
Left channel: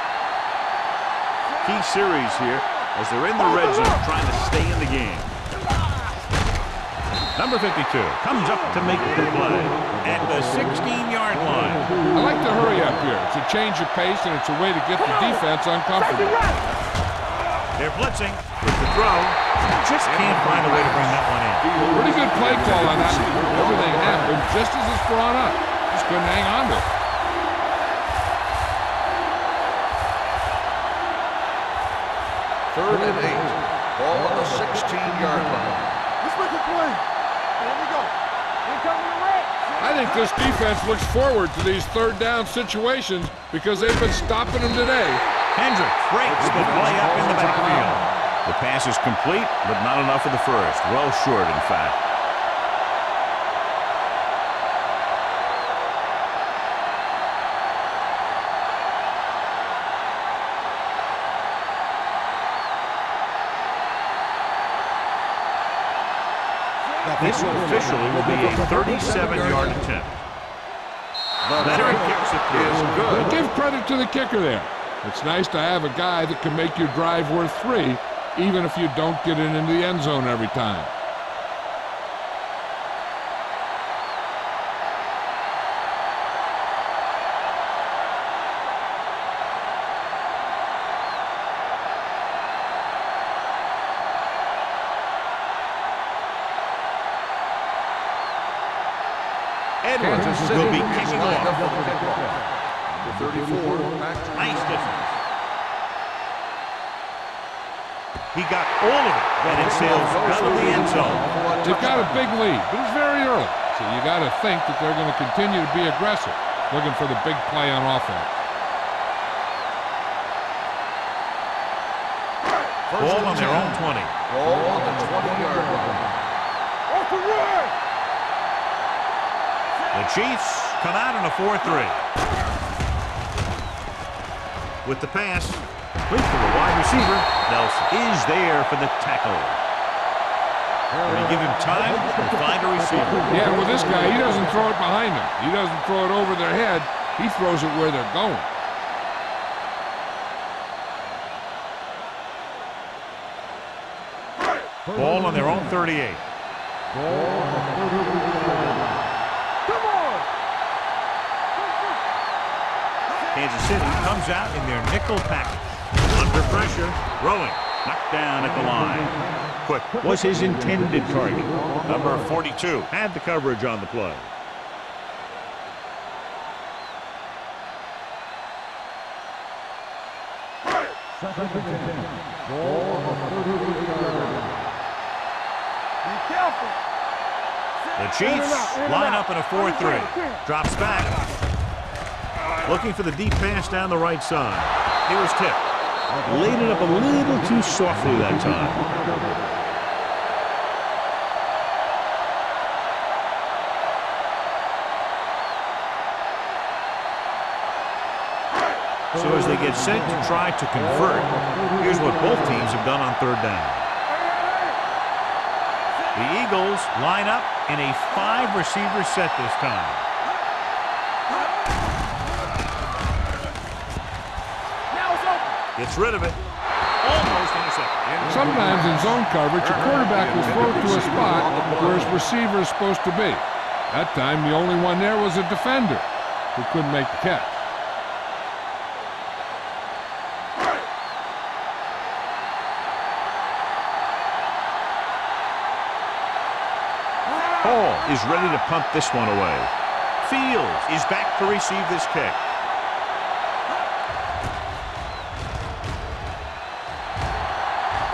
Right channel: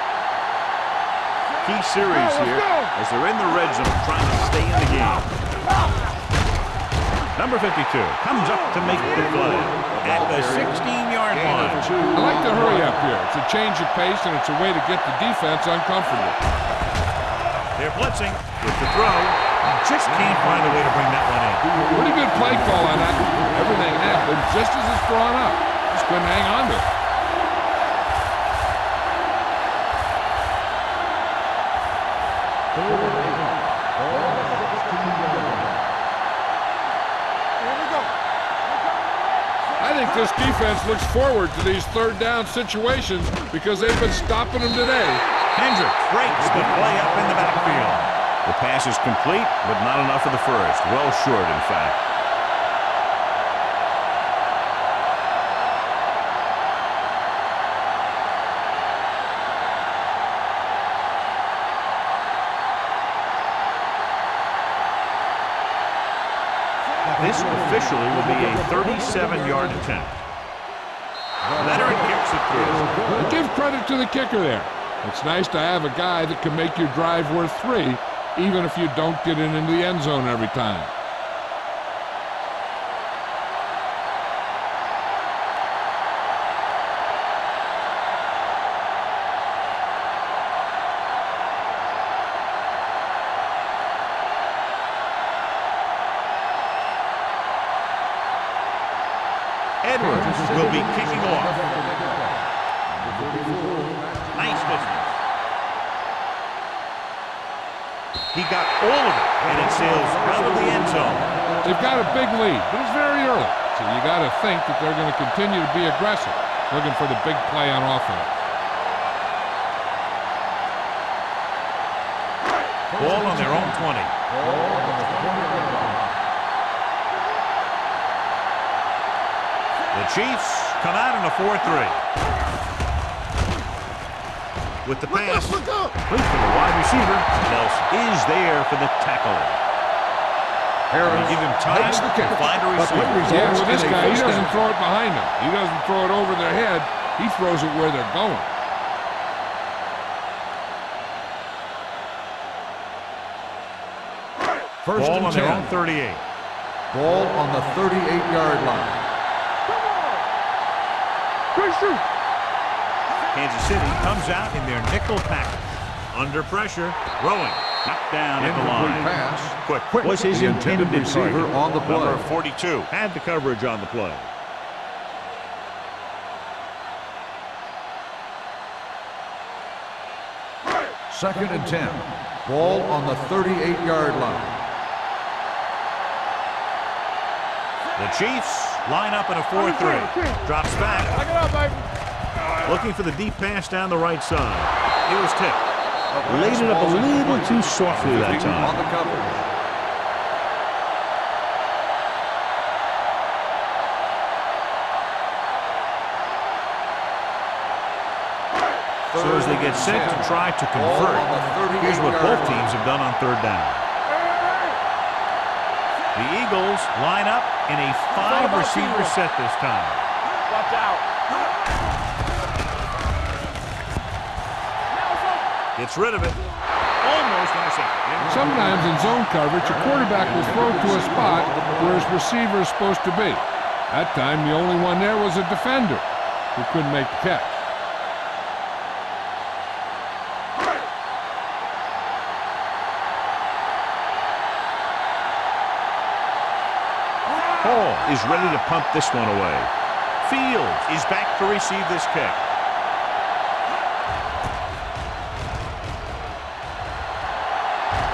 Key series here as they're in the red zone trying to stay in the game. Number 52 comes up to make the play at the 16-yard line. I like to hurry up here. It's a change of pace, and it's a way to get the defense uncomfortable. They're blitzing with the throw. Just can't find a way to bring that one in. Pretty good play call on that. Everything happened just as it's drawn up. Just couldn't hang on to it. Third and 8. Ball on the 16-yard line. Let's make a play. Here we go. We're coming to red. I think this defense looks forward to these third down situations because they've been stopping them today. Hendricks breaks the play up in the backfield. The pass is complete, but not enough for the first. Well short, in fact. This officially will be a 37-yard attempt. Veteran kicks it through. And give credit to the kicker there. It's nice to have a guy that can make your drive worth 3, even if you don't get it into the end zone every time. Edwards will be kicking off. Number 34, back to Nice distance. He got all of it, and it sails out of the end zone. They've got a big lead, but it's very early. So you got to think that they're going to continue to be aggressive, looking for the big play on offense. Ball on their own 20. Ball on the 20-yard line. The Chiefs come out in a 4-3. With the pass, complete to the wide receiver. Nelson is there for the tackle. When you give him time to find a receiver. Yeah, with this guy, he doesn't throw it behind them. He doesn't throw it over their head. He throws it where they're going. Ball on their own 38. Ball on the 38-yard line. Come on. Christian. Kansas City comes out in their nickel package. Under pressure, throwing. Knocked down at the line. Quick was his intended target. Number 42 had the coverage on the play. Second and 10. Ball on the 38-yard line. The Chiefs line up in a 4-3. Drops back. Looking for the deep pass down the right side. It was tipped. Laid it up a little too softly that time. So as they get set to try to convert, here's what both teams have done on third down. The Eagles line up in a 5-receiver set this time. Gets rid of it. Almost intercepted. Sometimes in zone coverage, a quarterback will throw to a spot where his receiver is supposed to be. That time, the only one there was a defender who couldn't make the catch. Hall is ready to punt this one away. Fields is back to receive this kick.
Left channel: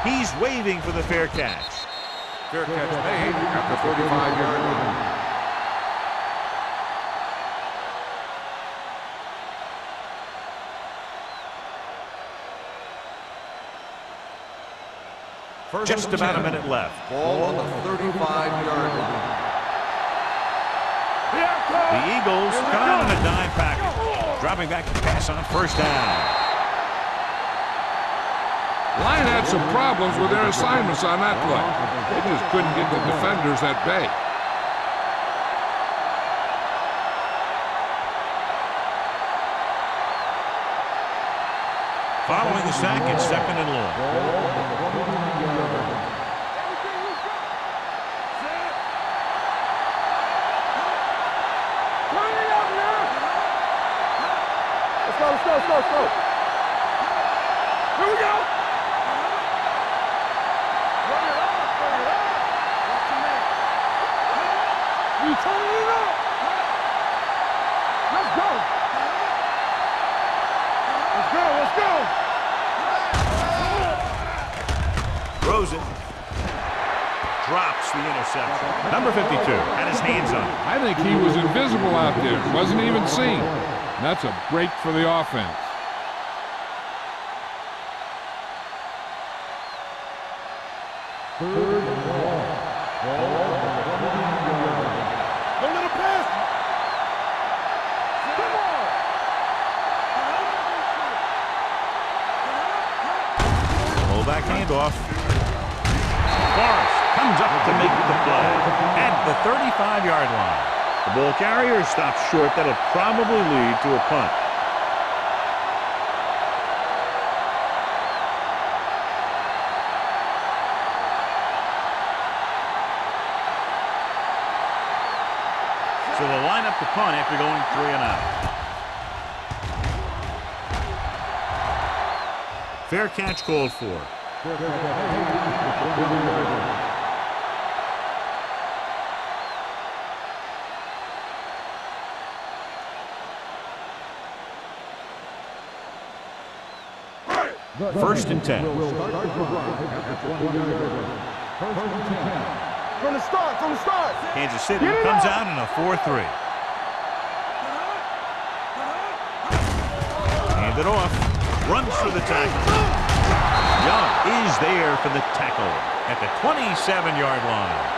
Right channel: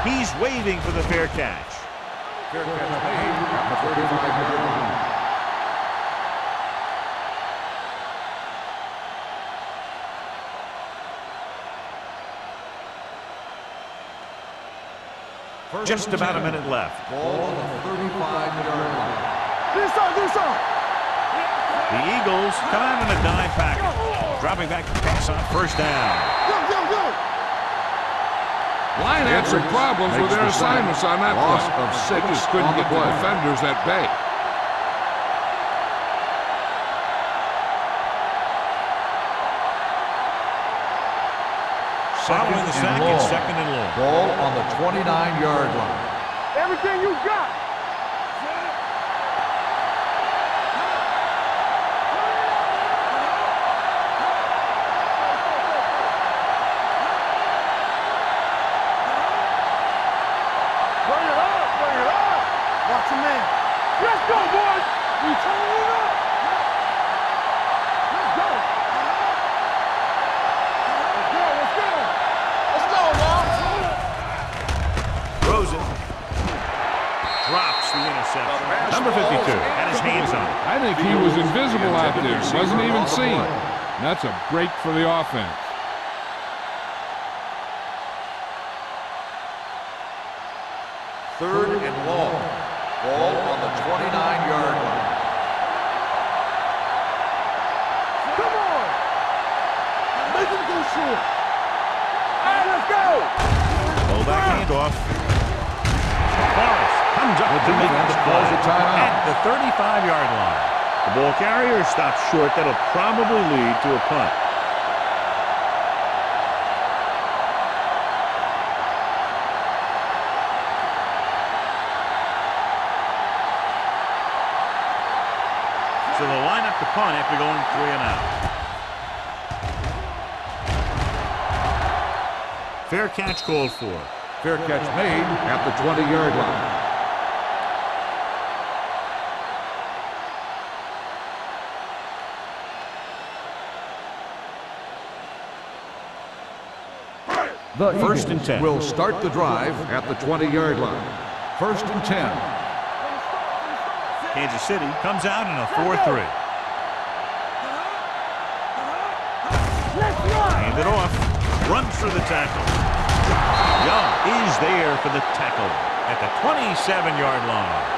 He's waving for the fair catch. Fair catch made at the 35-yard line. Just about a minute left. Ball on the 35-yard line. The Eagles come out in a dime package, dropping back to pass on first down. Line had some problems with their assignments on that play. They just couldn't get the defenders at bay. Following the sack, it's second and long. Ball on the 29-yard line. Everything you got. Set. Turn it up now. Let's go. Here we go. Bring it up. Watch your man. Let's go, boys. We turning it up. Let's go. Throws it. Drops the interception. Number 52 had his hands on it. I think he was invisible out there. Wasn't even seen. And that's a break for the offense. Third and long. Ball on the 29-yard line. Come on. Make him go short. Let's go. Fullback handoff. Forrest comes up to make the play at the 35-yard line. The ball carrier stops short. That'll probably lead to a punt. So they'll line up to punt after going 3 and out. Fair catch called for. Fair catch made at the 20-yard line. The First and 10. Will start the drive at the 20-yard line. First and 10. From the start. Kansas City comes out in a 4-3. Hand it off. Runs through the tackle. Young is there for the tackle at the 27-yard line.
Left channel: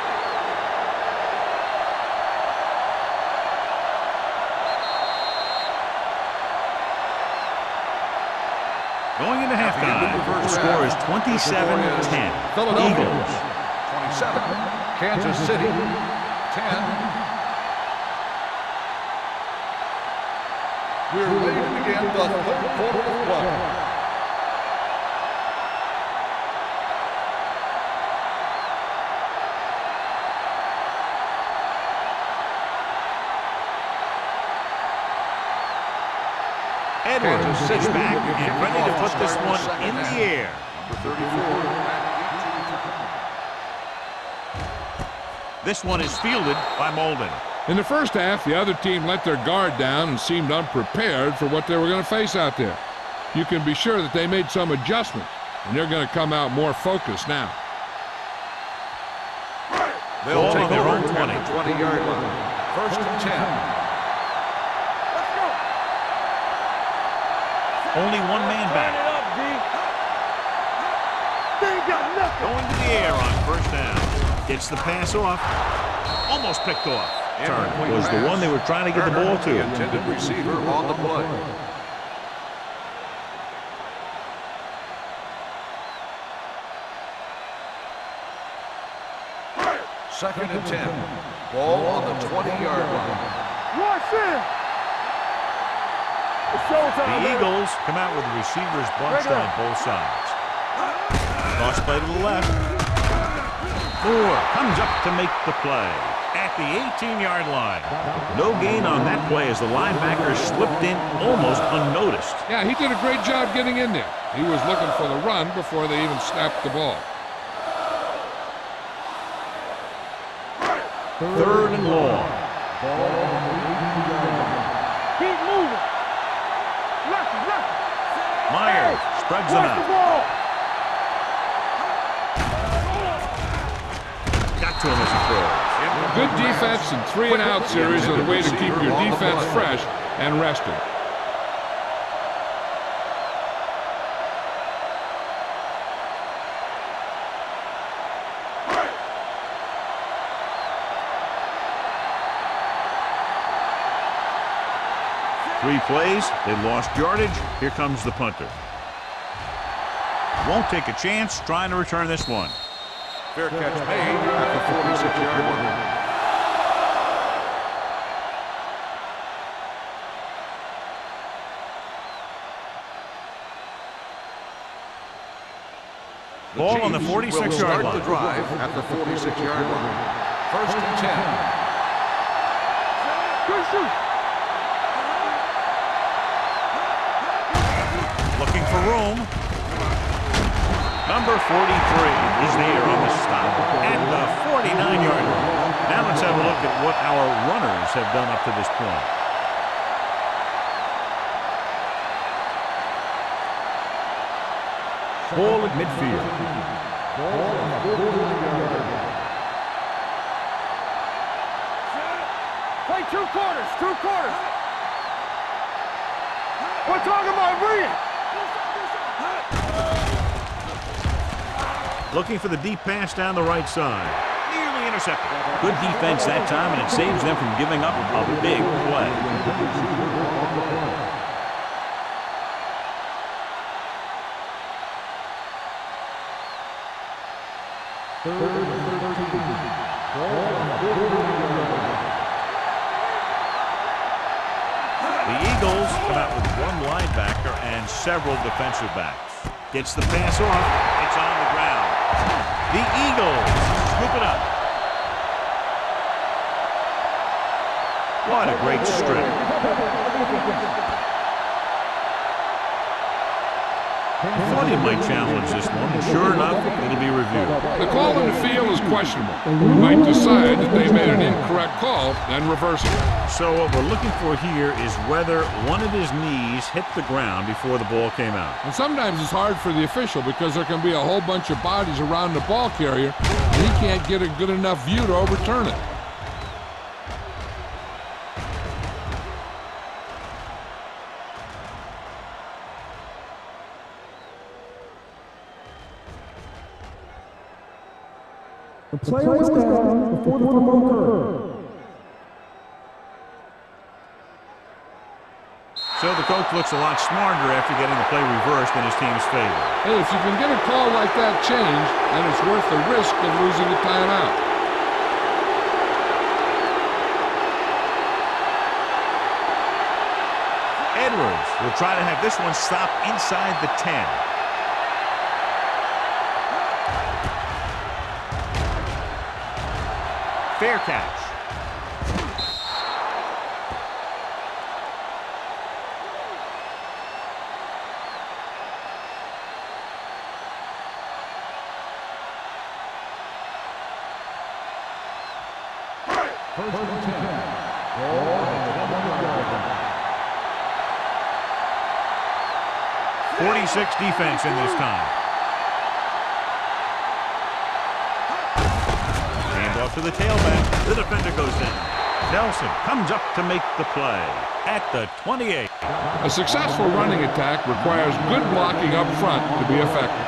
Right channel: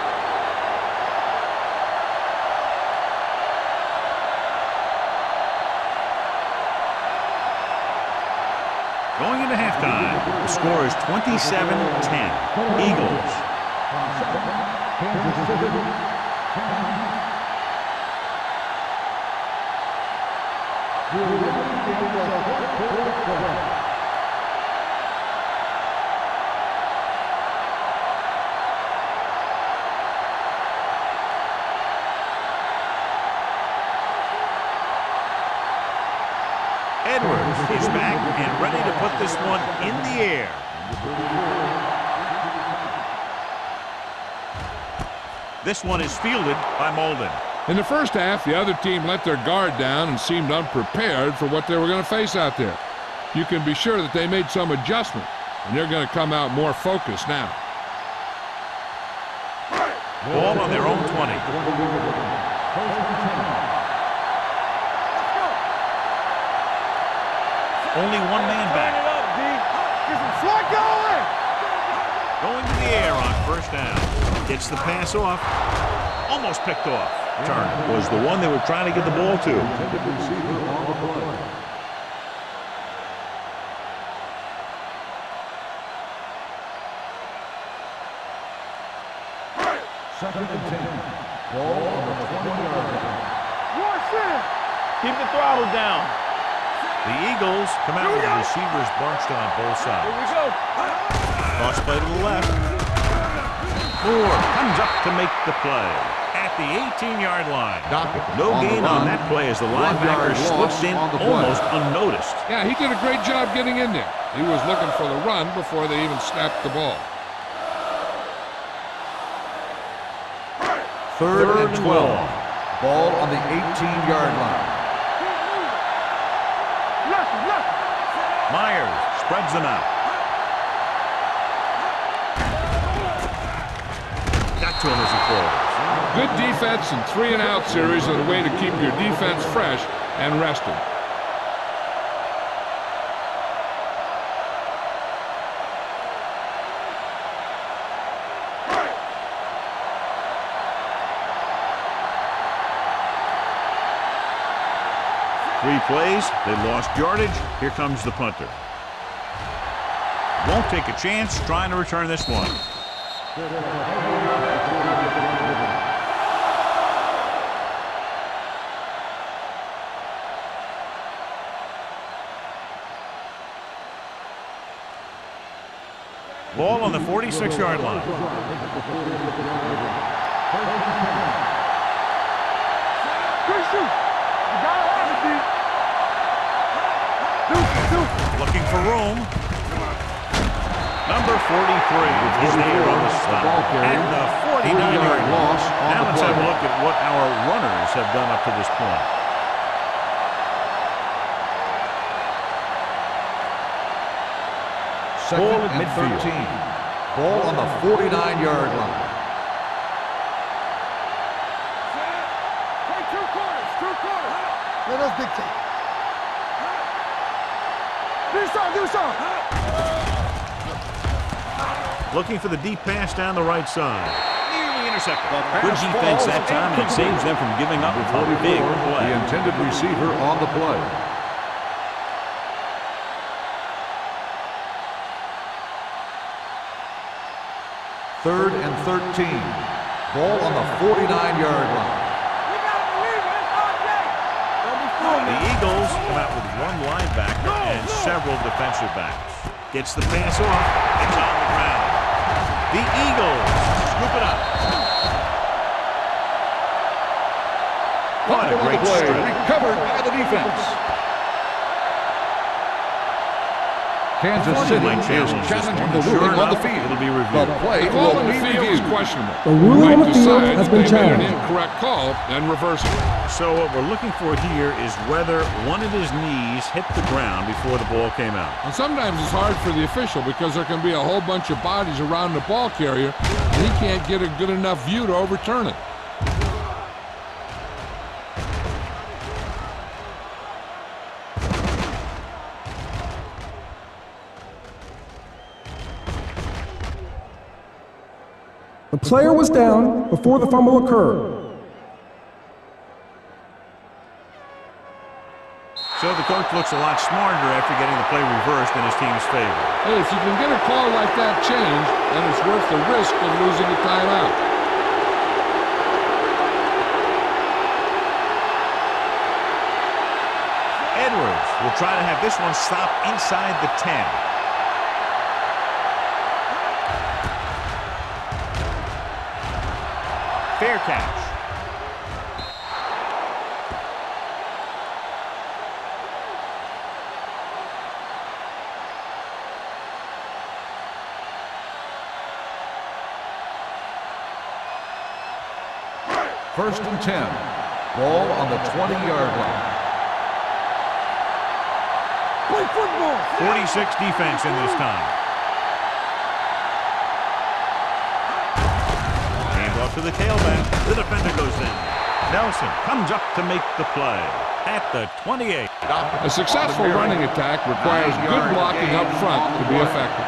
Going into halftime, the score is 27-10. Eagles. 27. Kansas City. 10. We're ready to begin the third quarter of play. Edwards is back and ready to put this one in the air. This one is fielded by Molden. In the first half, the other team let their guard down and seemed unprepared for what they were going to face out there. You can be sure that they made some adjustments, and they're going to come out more focused now. Ball on their own 20. 20-yard line. First and 10. Let's go. Only one man Turn back. it up, D. Get some slack going. They ain't got nothing. Going to the air on first down. Gets the pass off. Almost picked off. Turner was the one they were trying to get the ball to. Intended receiver on the play. Second and 10. Ball on the 20-yard line. Watch this. Keep the throttle down. The Eagles come out with the receivers bunched on both sides. Cross play to the left. Moore comes up to make the play at the 18-yard line. No gain on that play as the linebacker slips in almost unnoticed. Yeah, he did a great job getting in there. He was looking for the run before they even snapped the ball. Third and long. Ball on the 18-yard line. Keep moving. Lucky. Myers spreads them out. Got to him as he throws. Good defense and 3-and-out series are the way to keep your defense fresh and rested. Three plays, they lost yardage. Here comes the punter. Won't take a chance trying to return this one. Fair catch made at the 46-yard line. Ball on the 46-yard line. At the 46-yard line. First and 10. Good shoot. Looking for room. Number 43 is there on the stop at the 49-yard line. Now let's have a look at what our runners have done up to this point. Ball at midfield. Ball on the 49-yard line. Play 2 quarters. 2 quarters. No, that's big time. We're talking about bringing. Do something. Looking for the deep pass down the right side. Nearly intercepted. Good defense that time, and it saves them from giving up a big play. The intended receiver on the play. Third and 13. Ball on the 49-yard line. The Eagles come out with one linebacker and several defensive backs. Gets the pass off. It's on the ground. The Eagles scoop it up. What a great strip. Covered by the defense. I thought he might challenge this one, and sure enough, it'll be reviewed. The call in the field is questionable. We might decide that they made an incorrect call and reverse it. So what we're looking for here is whether one of his knees hit the ground before the ball came out. And sometimes it's hard for the official because there can be a whole bunch of bodies around the ball carrier, and he can't get a good enough view to overturn it. The player was down before the fumble occurred. So the coach looks a lot smarter after getting the play reversed in his team's favor. Hey, if you can get a call like that changed, then it's worth the risk of losing a timeout. Edwards will try to have this one stop inside the 10. Fair catch. First and 10. Ball on the 20-yard line. Play football. 46 defense in this time. To the tailback, the defender goes down. Nelson comes up to make the play at the 28. A successful running attack requires good blocking up front to be effective.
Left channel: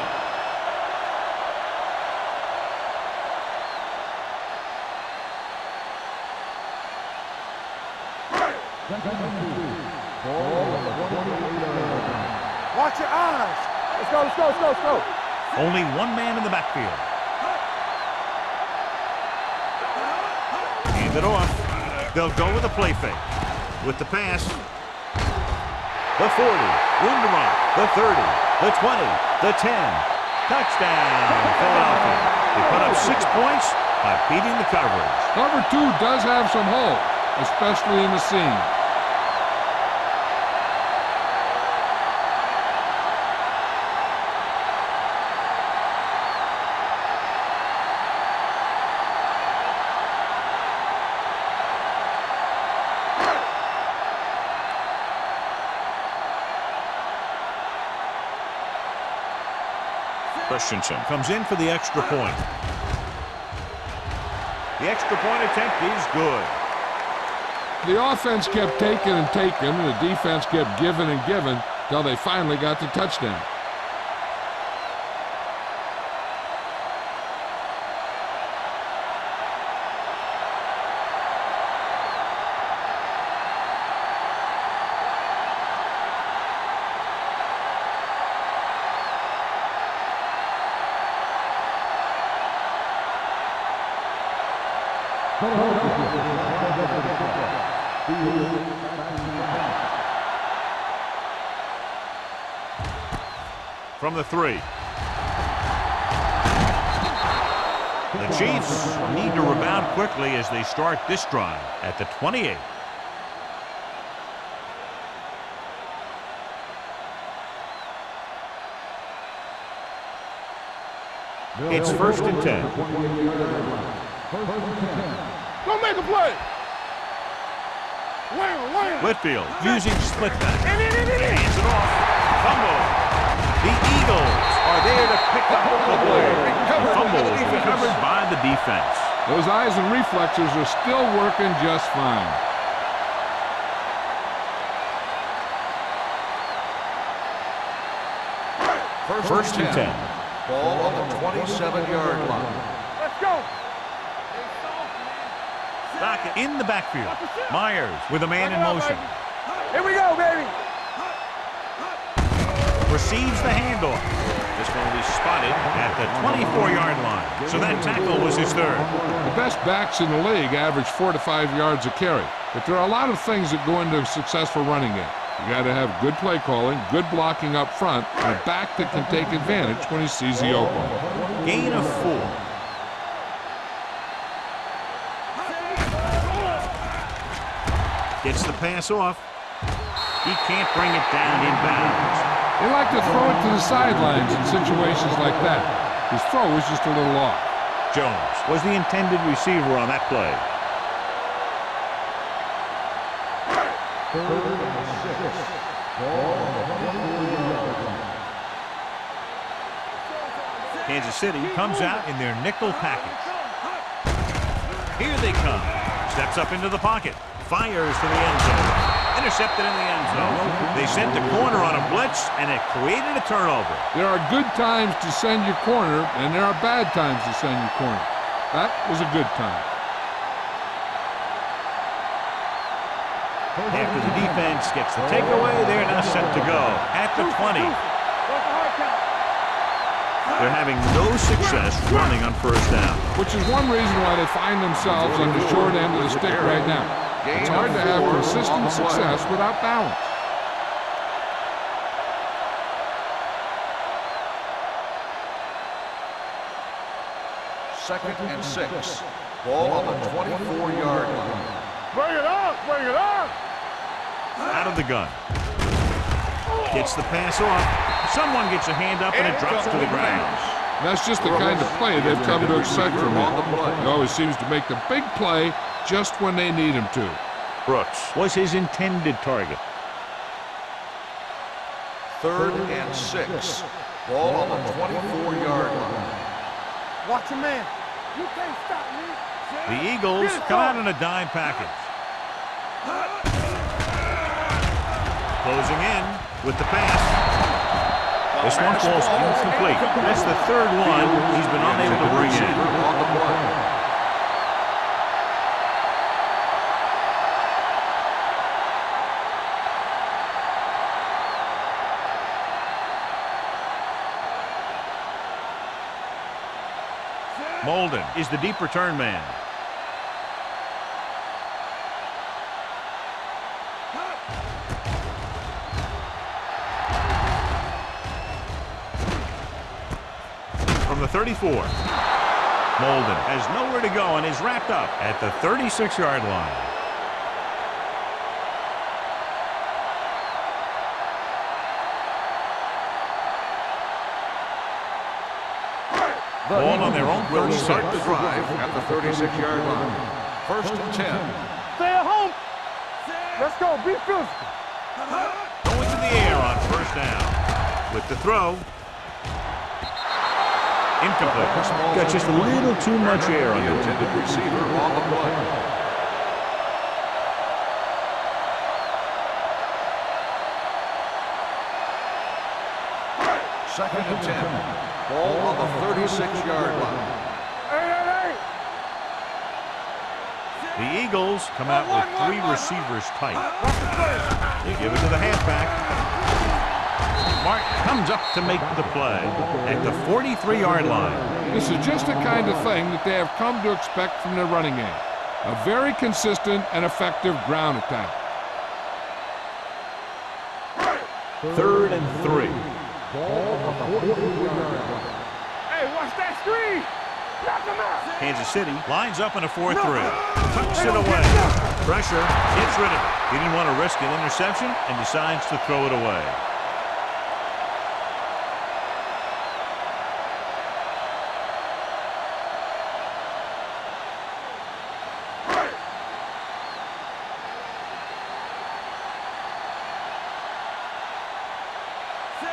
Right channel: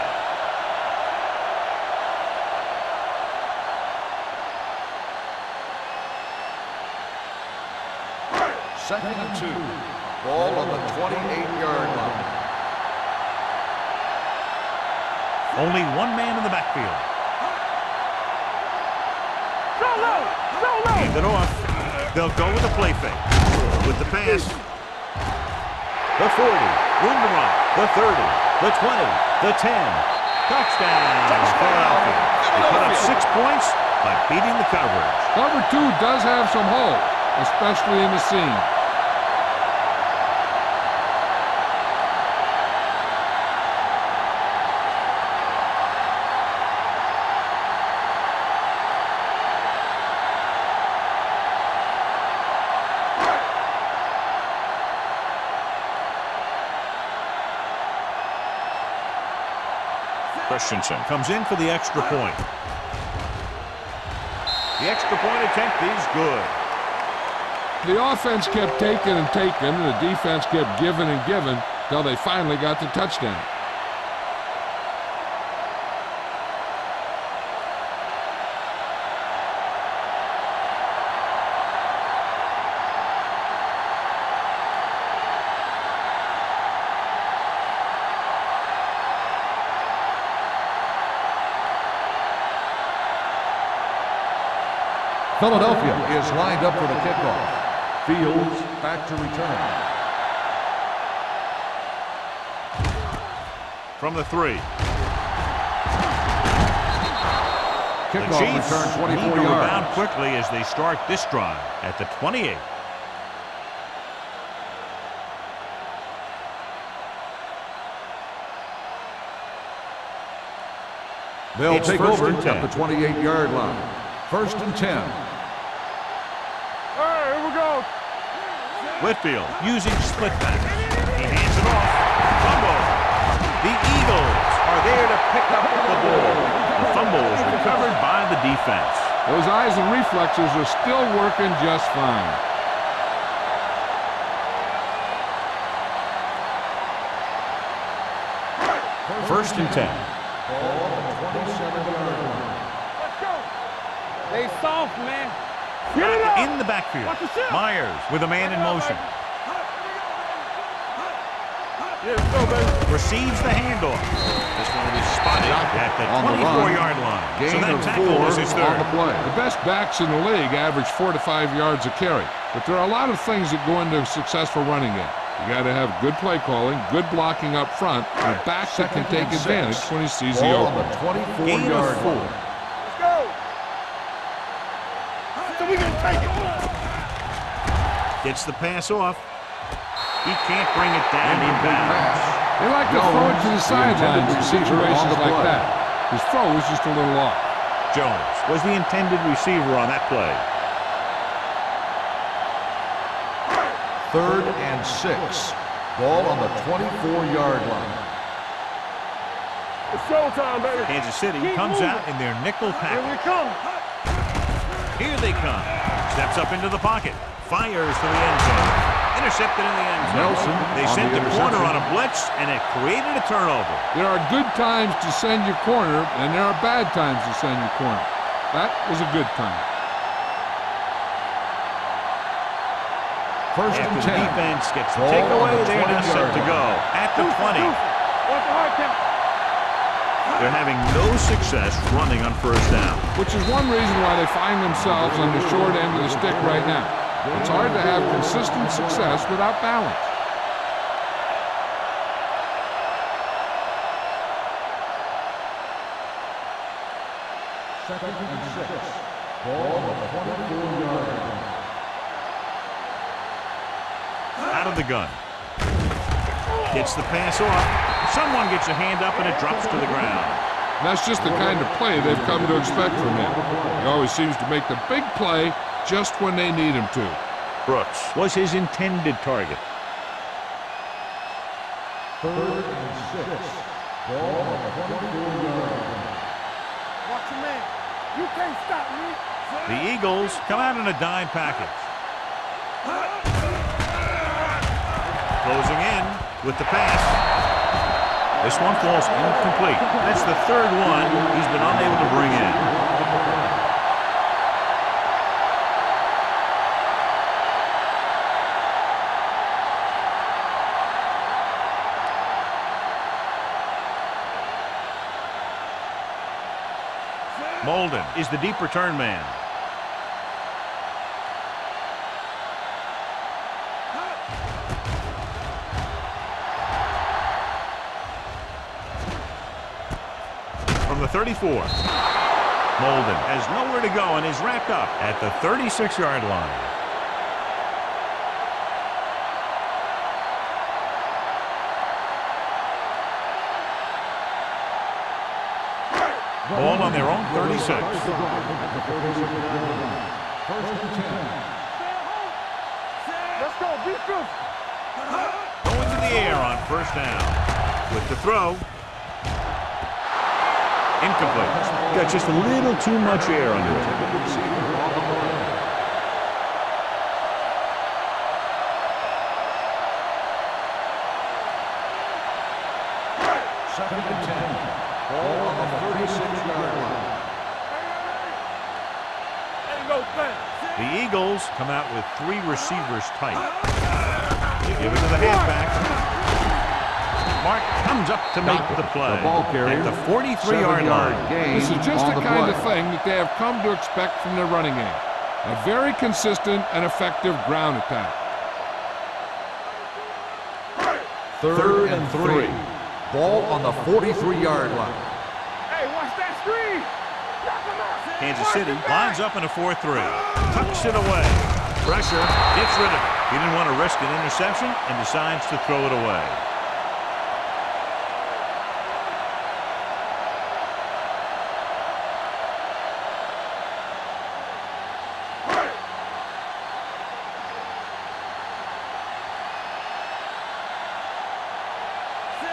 Second and 2. Ball on the 28-yard line. Watch your eyes. Let's go. Only one man in the backfield. Hand it off. They'll go with a play fake. With the pass. the 40, room to run, the 30, the 20, the 10. Touchdown, Philadelphia. They put up 6 points by beating the coverage. Cover 2 does have some holes, especially in the seam. Christensen comes in for the extra point. The extra point attempt is good. The offense kept taking and taking, and the defense kept giving and giving till they finally got the touchdown. Philadelphia is lined up for the kickoff. Fields back to return. From the 3. The Kickoff Chiefs return 24 need to rebound yards. quickly as they start this drive at the 28. They'll It's take first over and 10. at the 28-yard line. First and 10. Don't make a play. All right, here we go. Wait. Whitfield using split back. He hands it off. Fumble. The Eagles are there to pick up the ball. The fumble is recovered by the defense. Those eyes and reflexes are still working just fine. First and 10. Ball on the 27-yard line. Let's go. Stay soft, man. Back in the backfield. Watch the shot. Myers with a man in motion. Here we go, baby. Receives the handoff. This one will be spotted at the 24-yard line. So that tackle was his third. The best backs in the league average 4 to 5 yards a carry. But there are a lot of things that go into a successful running game. You got to have good play calling, good blocking up front, and a back that can take advantage when he sees the opening. Gain of 4. Gets the pass off. He can't bring it down inbounds. They like to throw it to the sidelines in situations like that. His throw is just a little off. Jones was the intended receiver on that play. 3rd and 6. Ball on the 24-yard line. It's showtime, baby. Kansas City comes out in their nickel package. Here they come. Steps up into the pocket. Fires to the end zone. Intercepted in the end zone. They sent the corner on a blitz, and it created a turnover. There are good times to send your corner, and there are bad times to send your corner. That was a good time. After the defense gets the takeaway, they're now set to go at the 20. They're having no success running on first down. Which is one reason why they find themselves on the short end of the stick right now. It's hard to have consistent success without balance. Second and 6. Ball on the 24-yard line. Bring it up, bring it up. Out of the gun. Gets the pass off. Someone gets a hand up, and it drops to the ground. That's just the kind of play they've come to expect from him. He always seems to make the big play just when they need him to. Brooks was his intended target. 3rd and 6. Ball on the 24-yard line. Watch your man. You can't stop me. The Eagles come out in a dime package. Closing in with the pass. This one falls incomplete. That's the 3rd one he's been unable to bring in. Molden is the deep return man. from the 34. Molden has nowhere to go and is wrapped up at the 36-yard line. Ball on their own 36. Start the drive at the 36-yard line. 1st and 10. Stay at home. Let's go. Be physical. Going to the air on 1st down. With the throw. Incomplete. Got just a little too much air under it. Intended receiver on the play. Second and 10. Ball on the 36-yard line. The Eagles come out with 3 receivers tight. They give it to the halfback. Mark comes up to make the play at the 43-yard line. This is just the kind of thing that they have come to expect from their running game. A very consistent and effective ground attack. 3rd and 3. Ball on the 43-yard line. Hey, watch that screen. Knock him out. Kansas City lines up in a 4-3. Tucks it away. Pressure, gets rid of it. He didn't want to risk an interception and decides to throw it away.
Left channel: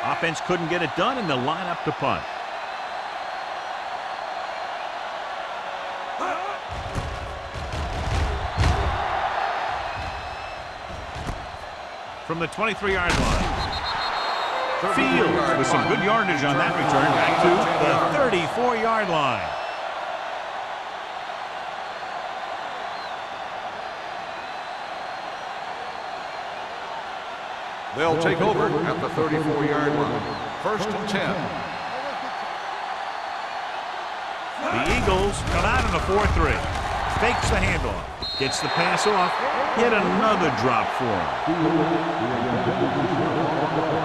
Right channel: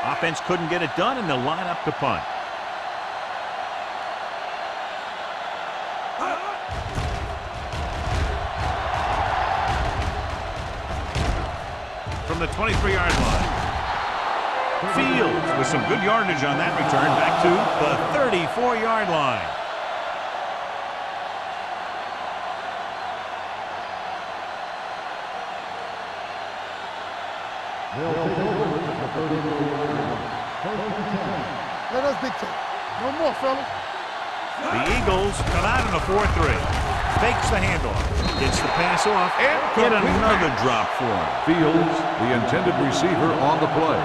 Offense couldn't get it done, and they'll line up to punt. From the 23-yard line. Fields with some good yardage on that return back to the 34-yard line. They'll take over at the 34-yard line. 1st and 10. Let us dictate. No more, fellas. The Eagles come out in a 4-3. Fakes the handoff. Gets the pass off. And get another drop for him. Fields, the intended receiver on the play.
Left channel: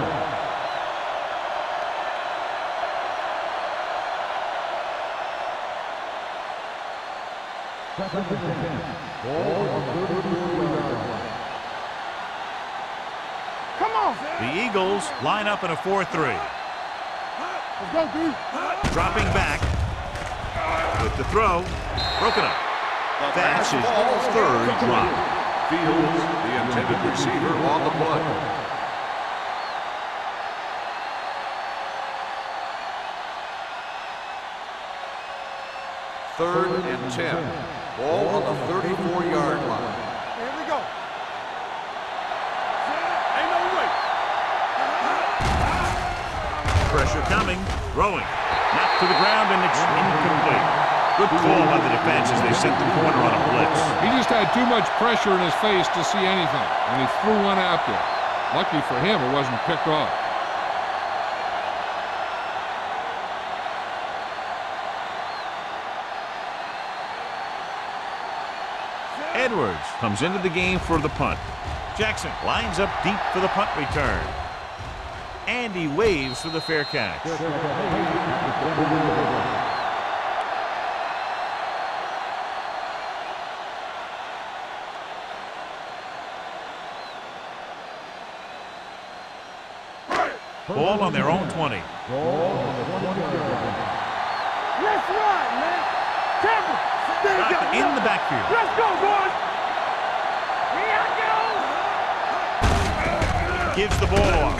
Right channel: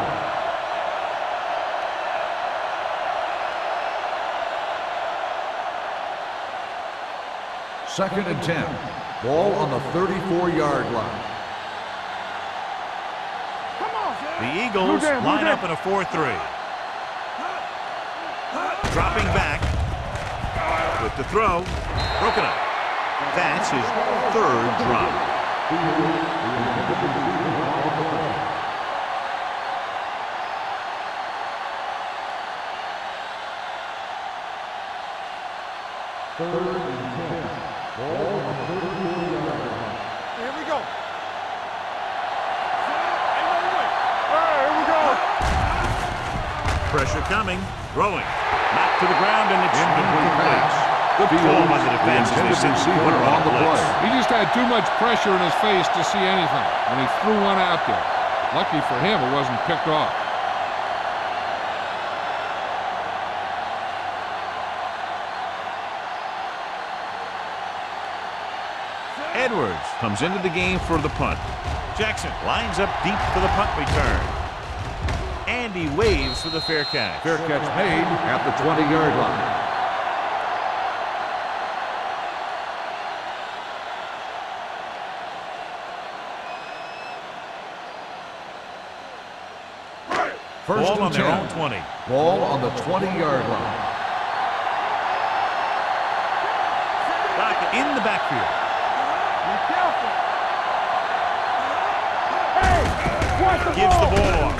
Second and 10. Ball on the 34-yard line. Come on. The Eagles line up in a 4-3. Dropping back with the throw. Broken up. That's his 3rd drop. Fields, the intended receiver on the play. Third and 10. Ball on the 34-yard line. Here we go. Ain't no way. All right, here we go. Pressure coming. Throwing. Knocked to the ground, and it's incomplete. Good call by the defense as they sent the corner on a blitz. He just had too much pressure in his face to see anything, and he threw one out there. Lucky for him, it wasn't picked off. Edwards comes into the game for the punt. Jackson lines up deep for the punt return. And he waves for the fair catch. Fair catch made at the 20-yard line. Ball on their own 20. Ball on the 20-yard line. Let's ride, man. Got in the backfield. Let's go, boys. Gives the ball off.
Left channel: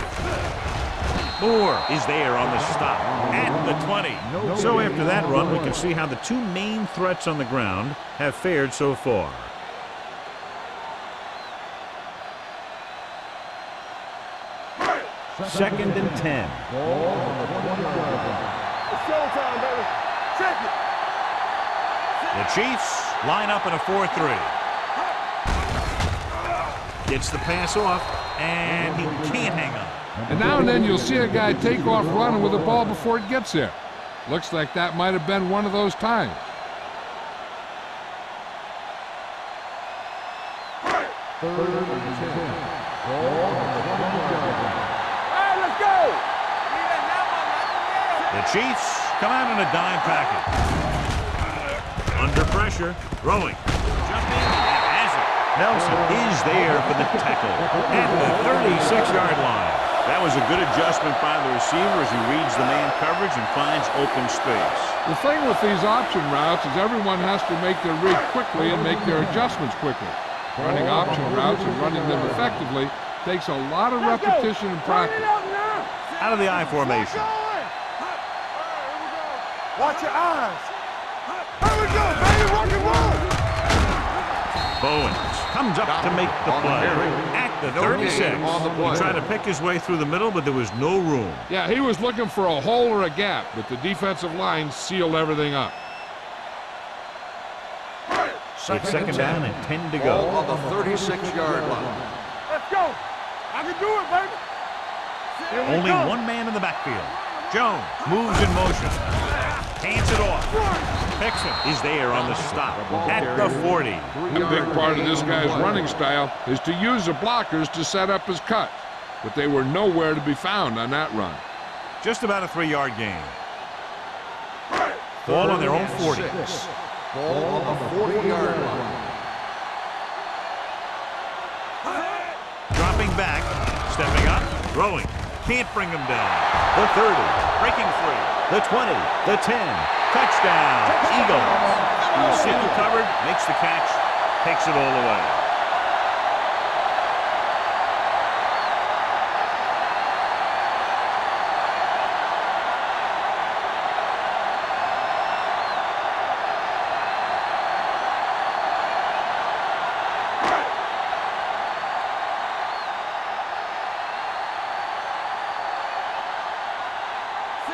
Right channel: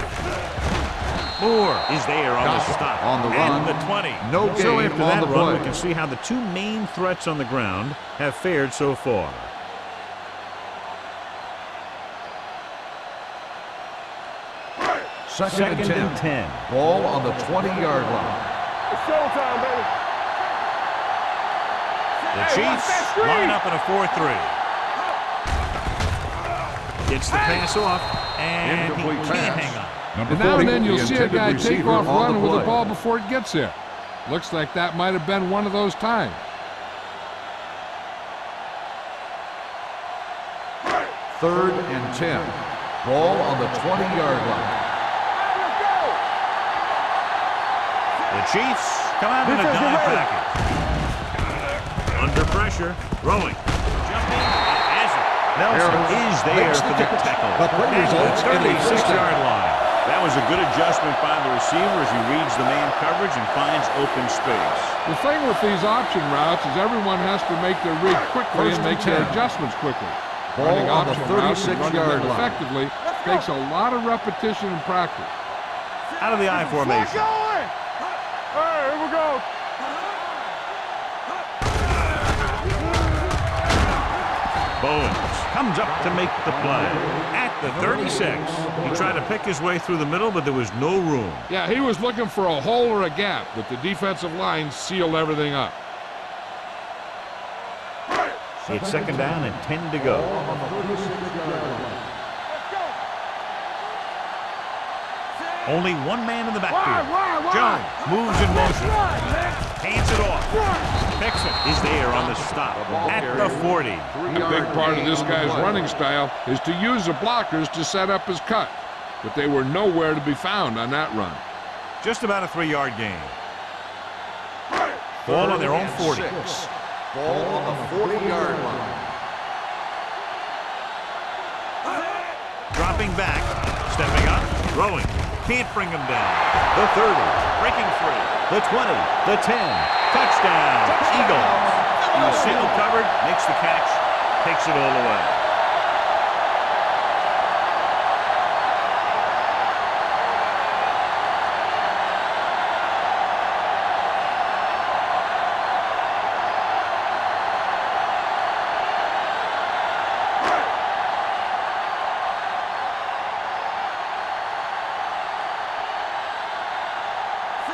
Moore is there on the stop. On the at run. the 20. No So gain after on that the run, play. we can see how the 2 main threats on the ground have fared so far. Second and 10. Ball on the 20-yard line. It's showtime, baby. The Chiefs line up in a 4-3. Gets the pass off, and he can't hang on. And now and then you'll see a guy take off running with the ball before it gets there. Looks like that might have been one of those times. Third and 10. Ball on the 20-yard line. All right, let's go. The Chiefs come out in a dime package. Under pressure, throwing, jumping, and has it. Nelson is there for the tackle at the 36-yard line. That was a good adjustment by the receiver as he reads the man coverage and finds open space. The thing with these option routes is everyone has to make their read quickly and make their adjustments quickly. Running option routes and running them effectively takes a lot of repetition and practice. Out of the I formation. Bowens comes up to make the play at the 36. He tried to pick his way through the middle, but there was no room. Yeah, he was looking for a hole or a gap, but the defensive line sealed everything up. It's second down and 10 to go. On the 36-yard line. Let's go. I can do it, baby. Only one man in the backfield. Jones moves in motion. Hands it off. Picks it. Is there on the stop at the 40. A big part of this guy's running style is to use the blockers to set up his cut, but they were nowhere to be found on that run. Just about a 3-yard gain. Ball on their own 40. Ball on the 40-yard line. Dropping back, stepping up, throwing. Can't bring him down. The 30, breaking free. The 20, the 10. Touchdown, Eagles. He was single covered, makes the catch, takes it all away.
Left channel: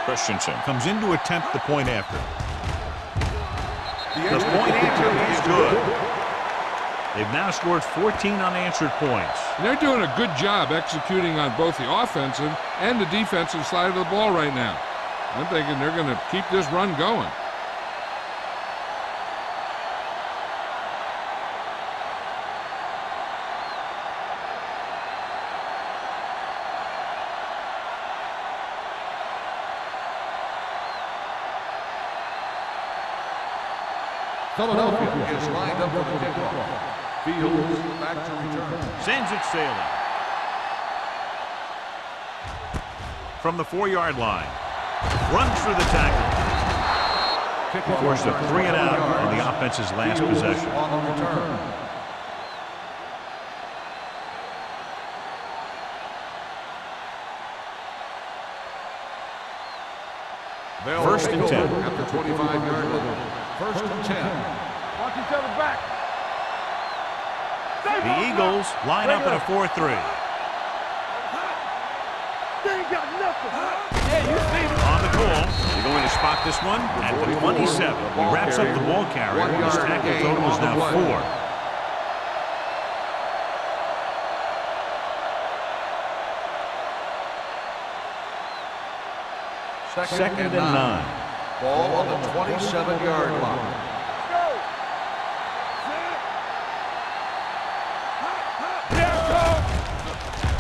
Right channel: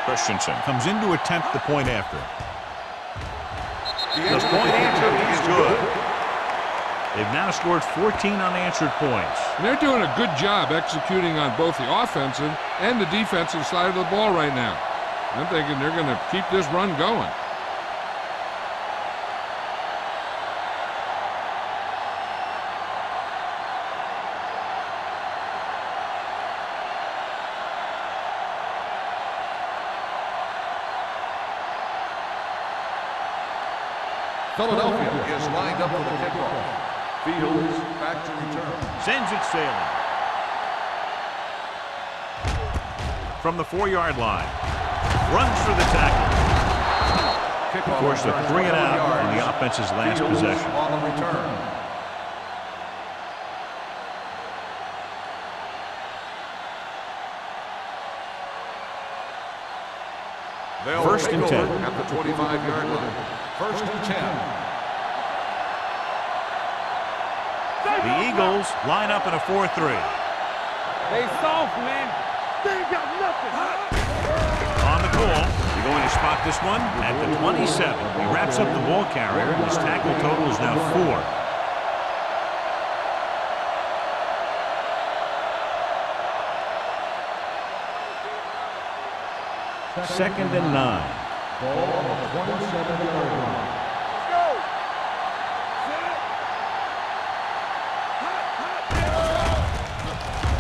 Christensen comes in to attempt the point after. The point after is good. They've now scored 14 unanswered points. And they're doing a good job executing on both the offensive and the defensive side of the ball right now. I'm thinking they're going to keep this run going. Philadelphia is lined up for the kickoff. Fields back to return. Sends it sailing. From the 4-yard line. Runs through the tackle. Kickoff Forced a 3 and out on the yards. offense's last Fields possession. on the return. They'll First take and over 10. at the 25-yard line. First and 10. The Eagles line up in a 4-3. They soft, man. They ain't got nothing. On the call, they're going to spot this one at the 27. He wraps up the ball carrier, and his tackle total is now 4. Second and 9. Ball on the 27-yard line. Let's go. Set.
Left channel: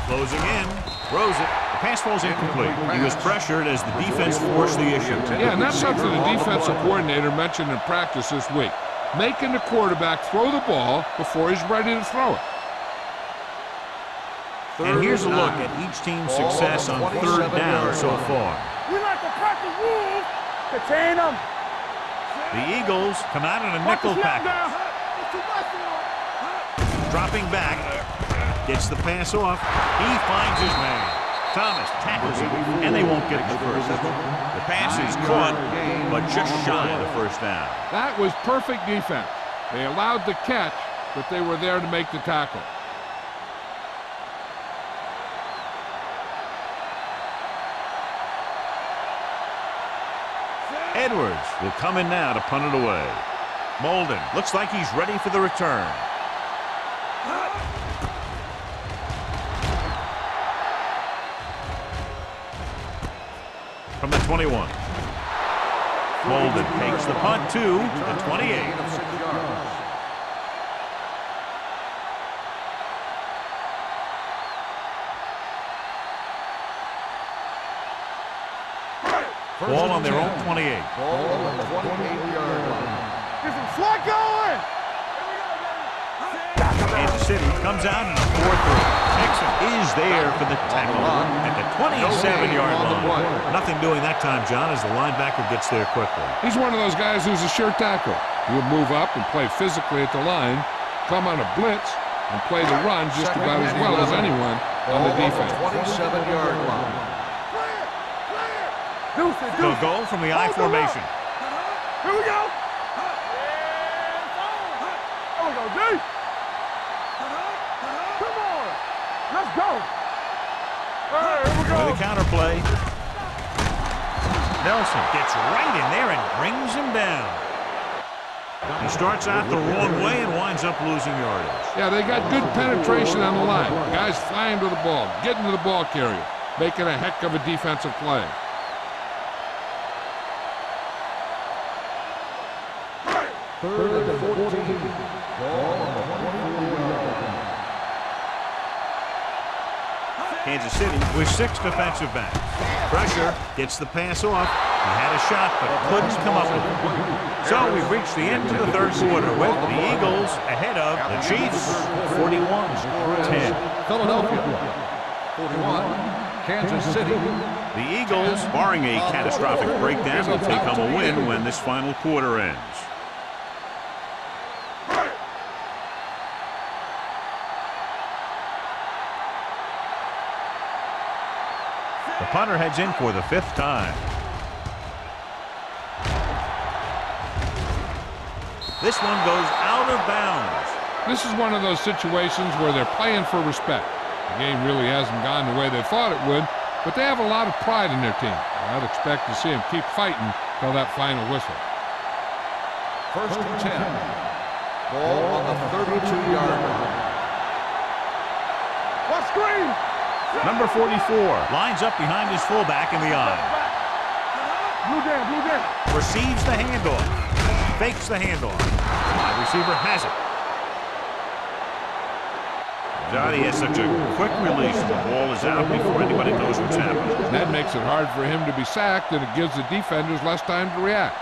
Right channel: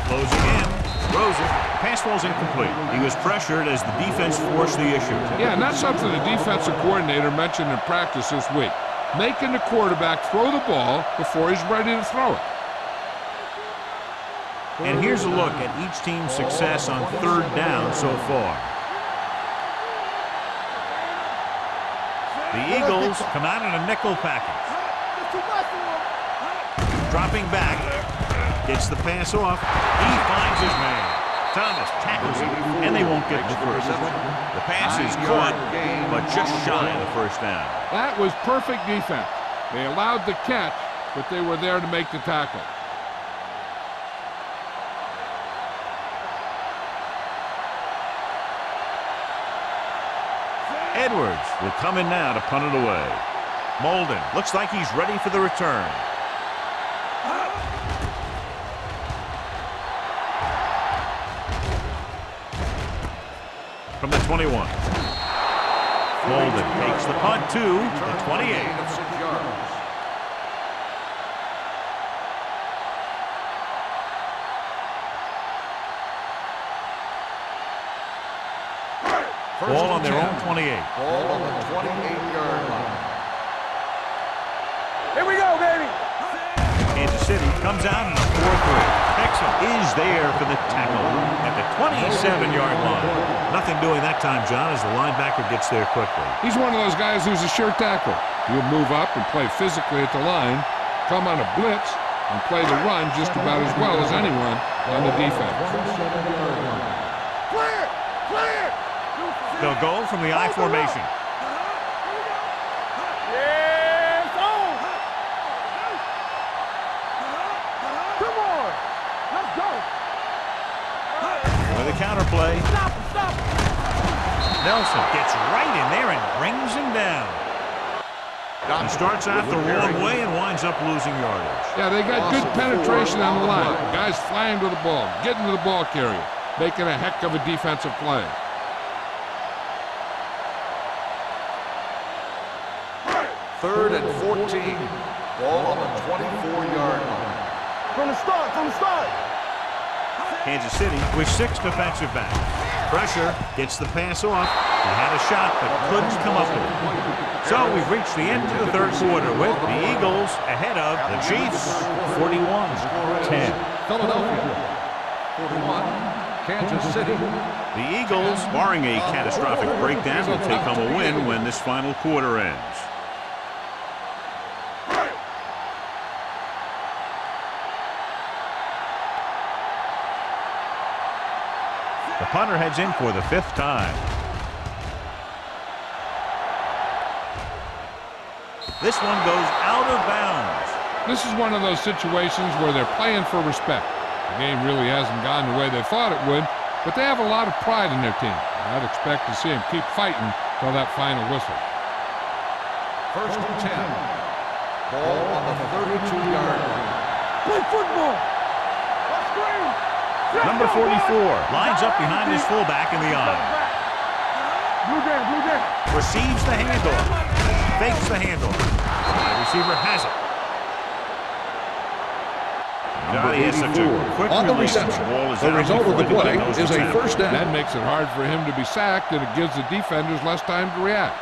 Closing in, throws it. The pass falls incomplete. He was pressured as the defense forced the issue. Yeah, and that's something the defensive coordinator mentioned in practice this week. Making the quarterback throw the ball before he's ready to throw it. And here's a look at each team's success on 3rd down so far. You like to cut the rules. Contain them. The Eagles come out in a nickel package. There's too much for them. Dropping back, gets the pass off. He finds his man. Thomas tackles him, and they won't get the first. The pass is caught, but just shy of the first down. That was perfect defense. They allowed the catch, but they were there to make the tackle. Edwards will come in now to punt it away. Molden looks like he's ready for the return. From the 21. Molden takes the punt to the 28. Of 6 yards. Ball on their own 28. Ball on the 28-yard line. Get some slot going. Here we go, baby. Kansas City comes out in a 4-3. Texan is there for the tackle at the 27-yard line. Nothing doing that time, John, as the linebacker gets there quickly. He's one of those guys who's a sure tackle. He'll move up and play physically at the line, come on a blitz, and play the run just about as well as anyone on the defense. 27-yard line. Clear. Clear. They'll go from the I formation. Here we go. Yes, on. On go, D. Come on. Let's go. All right, here we go. With a counter play, Stop him, stop him. Nelson gets right in there and brings him down. He starts out the wrong way and winds up losing yardage. Yeah, they got good penetration on the line. Guys flying to the ball, getting to the ball carrier, making a heck of a defensive play. Third and 14. Ball on the 24-yard line. From the start, from the start. Kansas City with 6 defensive backs. Pressure gets the pass off. He had a shot but couldn't come up with it. So we've reached the end of the third quarter with the Eagles ahead of the Chiefs 41-10. Philadelphia 41. Kansas City. The Eagles, barring a catastrophic breakdown, will take home a win when this final quarter ends. The punter heads in for the 5th time. This one goes out of bounds. This is one of those situations where they're playing for respect. The game really hasn't gone the way they thought it would, but they have a lot of pride in their team. I'd expect to see them keep fighting till that final whistle. First and 10. Ball on the 32-yard line. Play football. Watch screen. Number 44 lines up behind his fullback in the eye. Blue down, blue down. Receives the handoff. Fakes the handoff. Wide receiver has it. God, he has such a quick release. The ball is out before anybody knows what's happening. That makes it hard for him to be sacked, and it gives the defenders less time to react.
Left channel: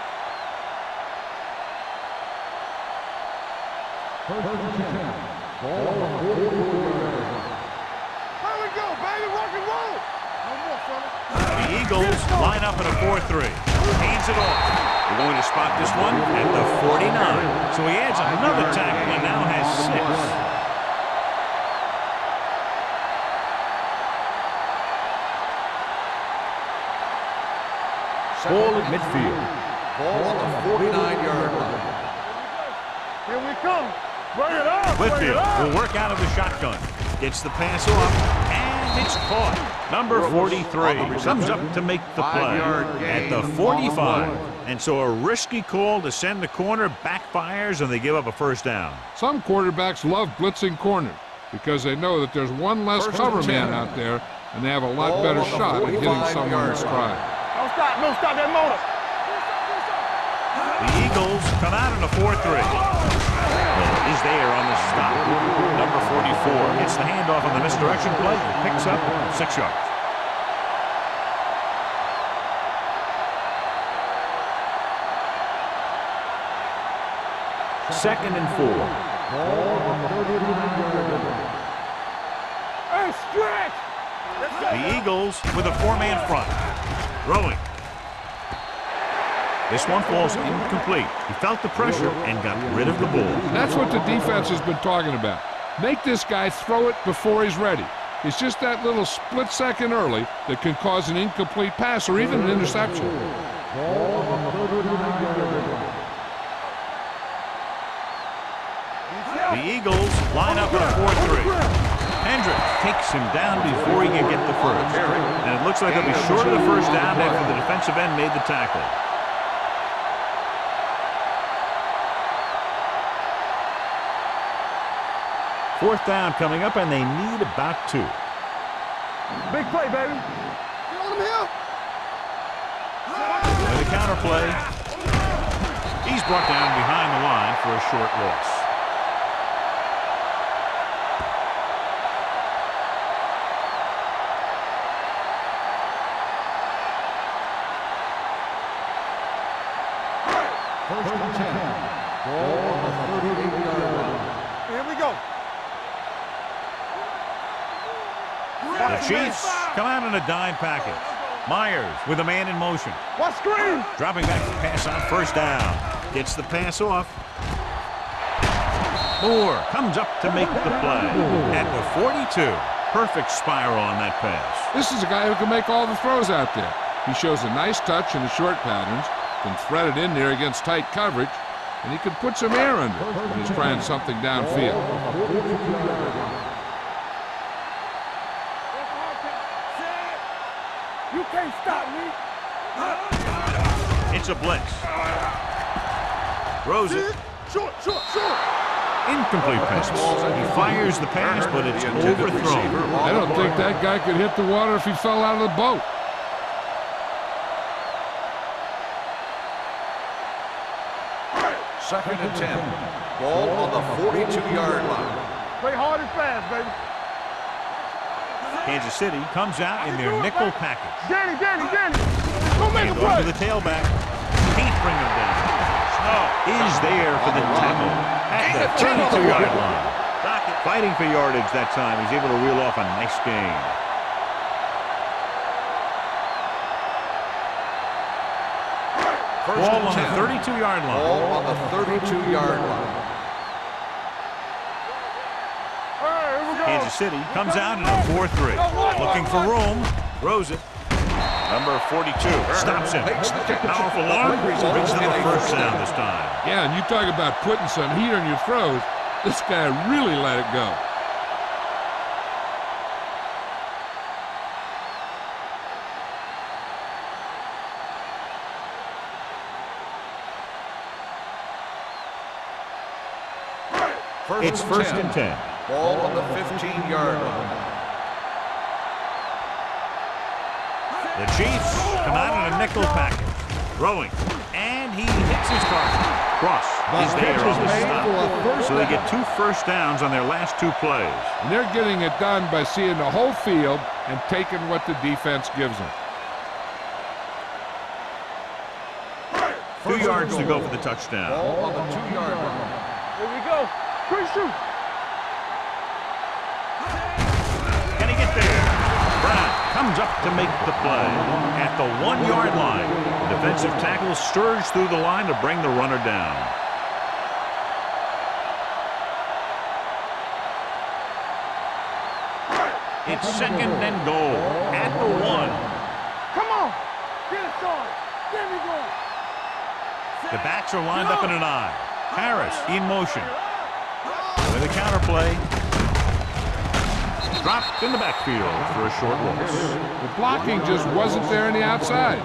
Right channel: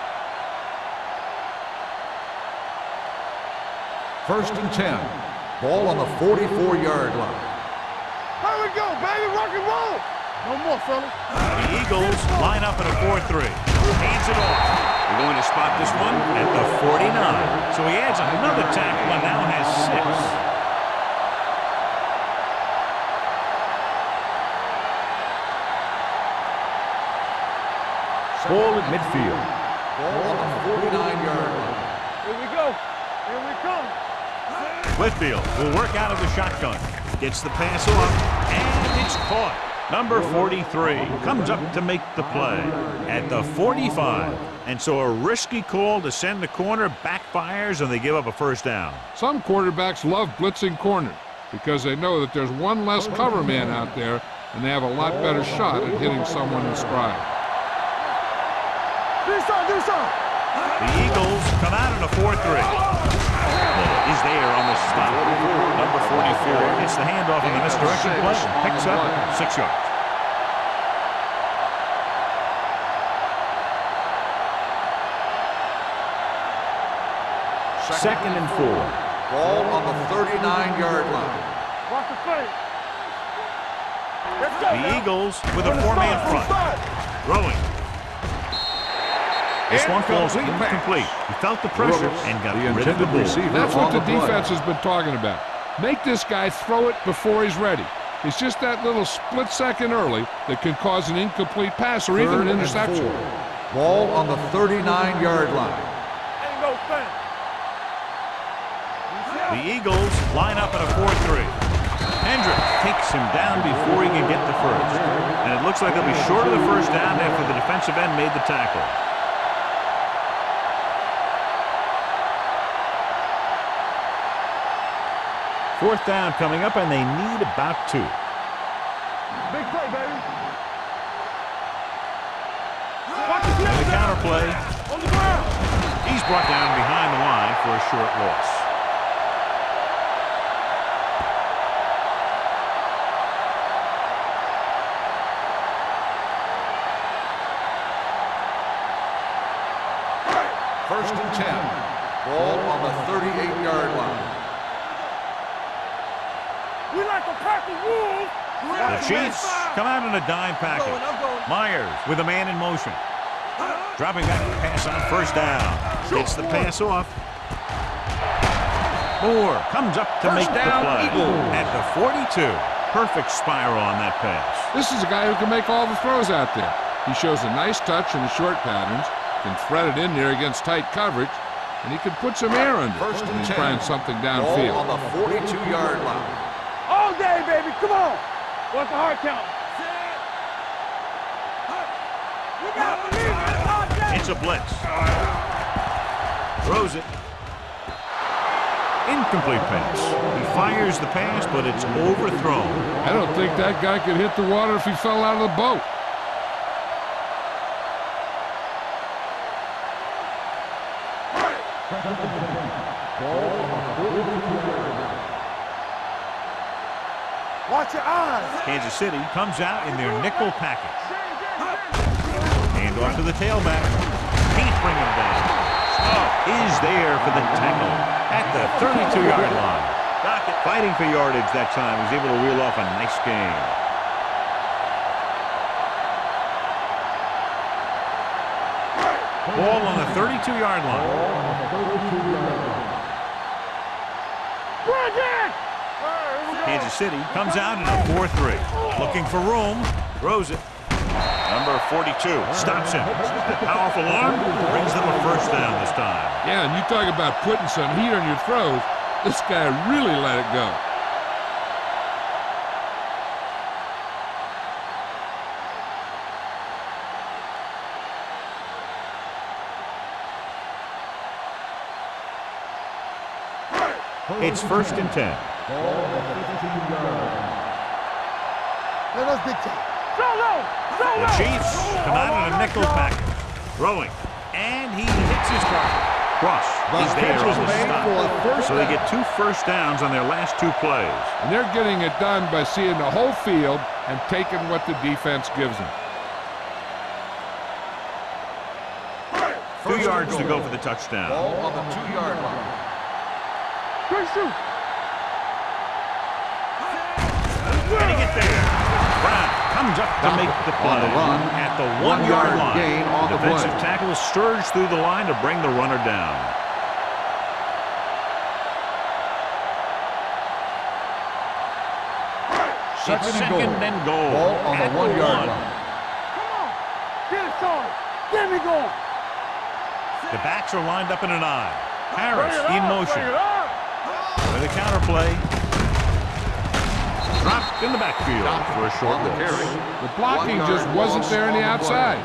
First and 10. Ball on the 44-yard line. Here we go, baby. Rock and roll. No more, fellas. The Eagles line up in a 4-3. Hands it off. They're going to spot this one at the 49. So he adds another tackle and now has 6. Ball at midfield. Ball on the 49-yard line. Here we go. Here we come. Run it up. Whitfield will work out of the shotgun. Gets the pass off, and it's caught. Number 43 comes up to make the play at the 45. And so a risky call to send the corner backfires, and they give up a first down. Some quarterbacks love blitzing corners because they know that there's one less cover man out there, and they have a lot better shot at hitting someone in stride. Don't stop that motor. Do something. The Eagles come out in a 4-3. Miller is there on the stop. Number 44 gets the handoff on the misdirection play and picks up 6 yards. Second and 4. Ball on the 39-yard line. Watch the play. Hey, stretch. Let's go. The Eagles with a 4-man front. Throwing. This one falls incomplete. He felt the pressure and got rid of the ball. That's what the defense has been talking about. Make this guy throw it before he's ready. It's just that little split second early that can cause an incomplete pass or even an interception. Ball on the 39-yard line. Ain't no thing. The Eagles line up in a 4-3. Hendricks takes him down before he can get the first. And it looks like they'll be short of the first down after the defensive end made the tackle. Fourth down coming up, and they need about 2. Big play, baby. And the counter play. He's brought down behind the line for a short loss. First and 10. Ball on the 38-yard line. Here we go. We like a pack of wolves. The Chiefs come out in a dime package. Myers with a man in motion. Watch screen. Dropping back to pass on first down. Gets the pass off. Moore comes up to make the play. At the 42. Perfect spiral on that pass. This is a guy who can make all the throws out there. He shows a nice touch in the short patterns, can thread it in there against tight coverage, and he can put some air under it when he's trying something downfield. Ball on the 42-yard line. All day, baby. Come on. What's the hard count? Set. You can't stop me. It's a blitz. Throws it. Short. Incomplete pass. He fires the pass, but it's overthrown. I don't think that guy could hit the water if he fell out of the boat. Second and 10. Ball on the 42-yard line. Play hard and fast, baby. Watch your eyes. Kansas City comes out in their nickel package. Danny. Hand off to the tailback. Can't bring him down. Snow is there for the tackle at the 32-yard line. Dockett fighting for yardage that time. He's able to reel off a nice gain. Ball on the 32-yard line. Ball on the 32-yard line. Kansas City comes out in a 4-3. Looking for room. Throws it. Number 42 stops him. A powerful arm brings them a first down this time. Yeah, and you talk about putting some heat on your throws. This guy really let it go. It's first and 10. Ball on the 15-yard line. The Chiefs come out in a nickel package. Throwing. And he hits his target. Cross is there on the stop. So they get 2 first downs on their last 2 plays. And they're getting it done by seeing the whole field and taking what the defense gives them. 2 yards to go for the touchdown. Ball on the 2-yard line. Here we go. Quick shoot. Can he get there? Brown comes up to make the play at the 1-yard line. The defensive tackle surged through the line to bring the runner down. It's second and goal at the 1. Come on. Get it started. Get me going. The backs are lined up in an I. Harris in motion. With a counterplay. Dropped in the backfield for a short loss. The blocking just wasn't there on the outside.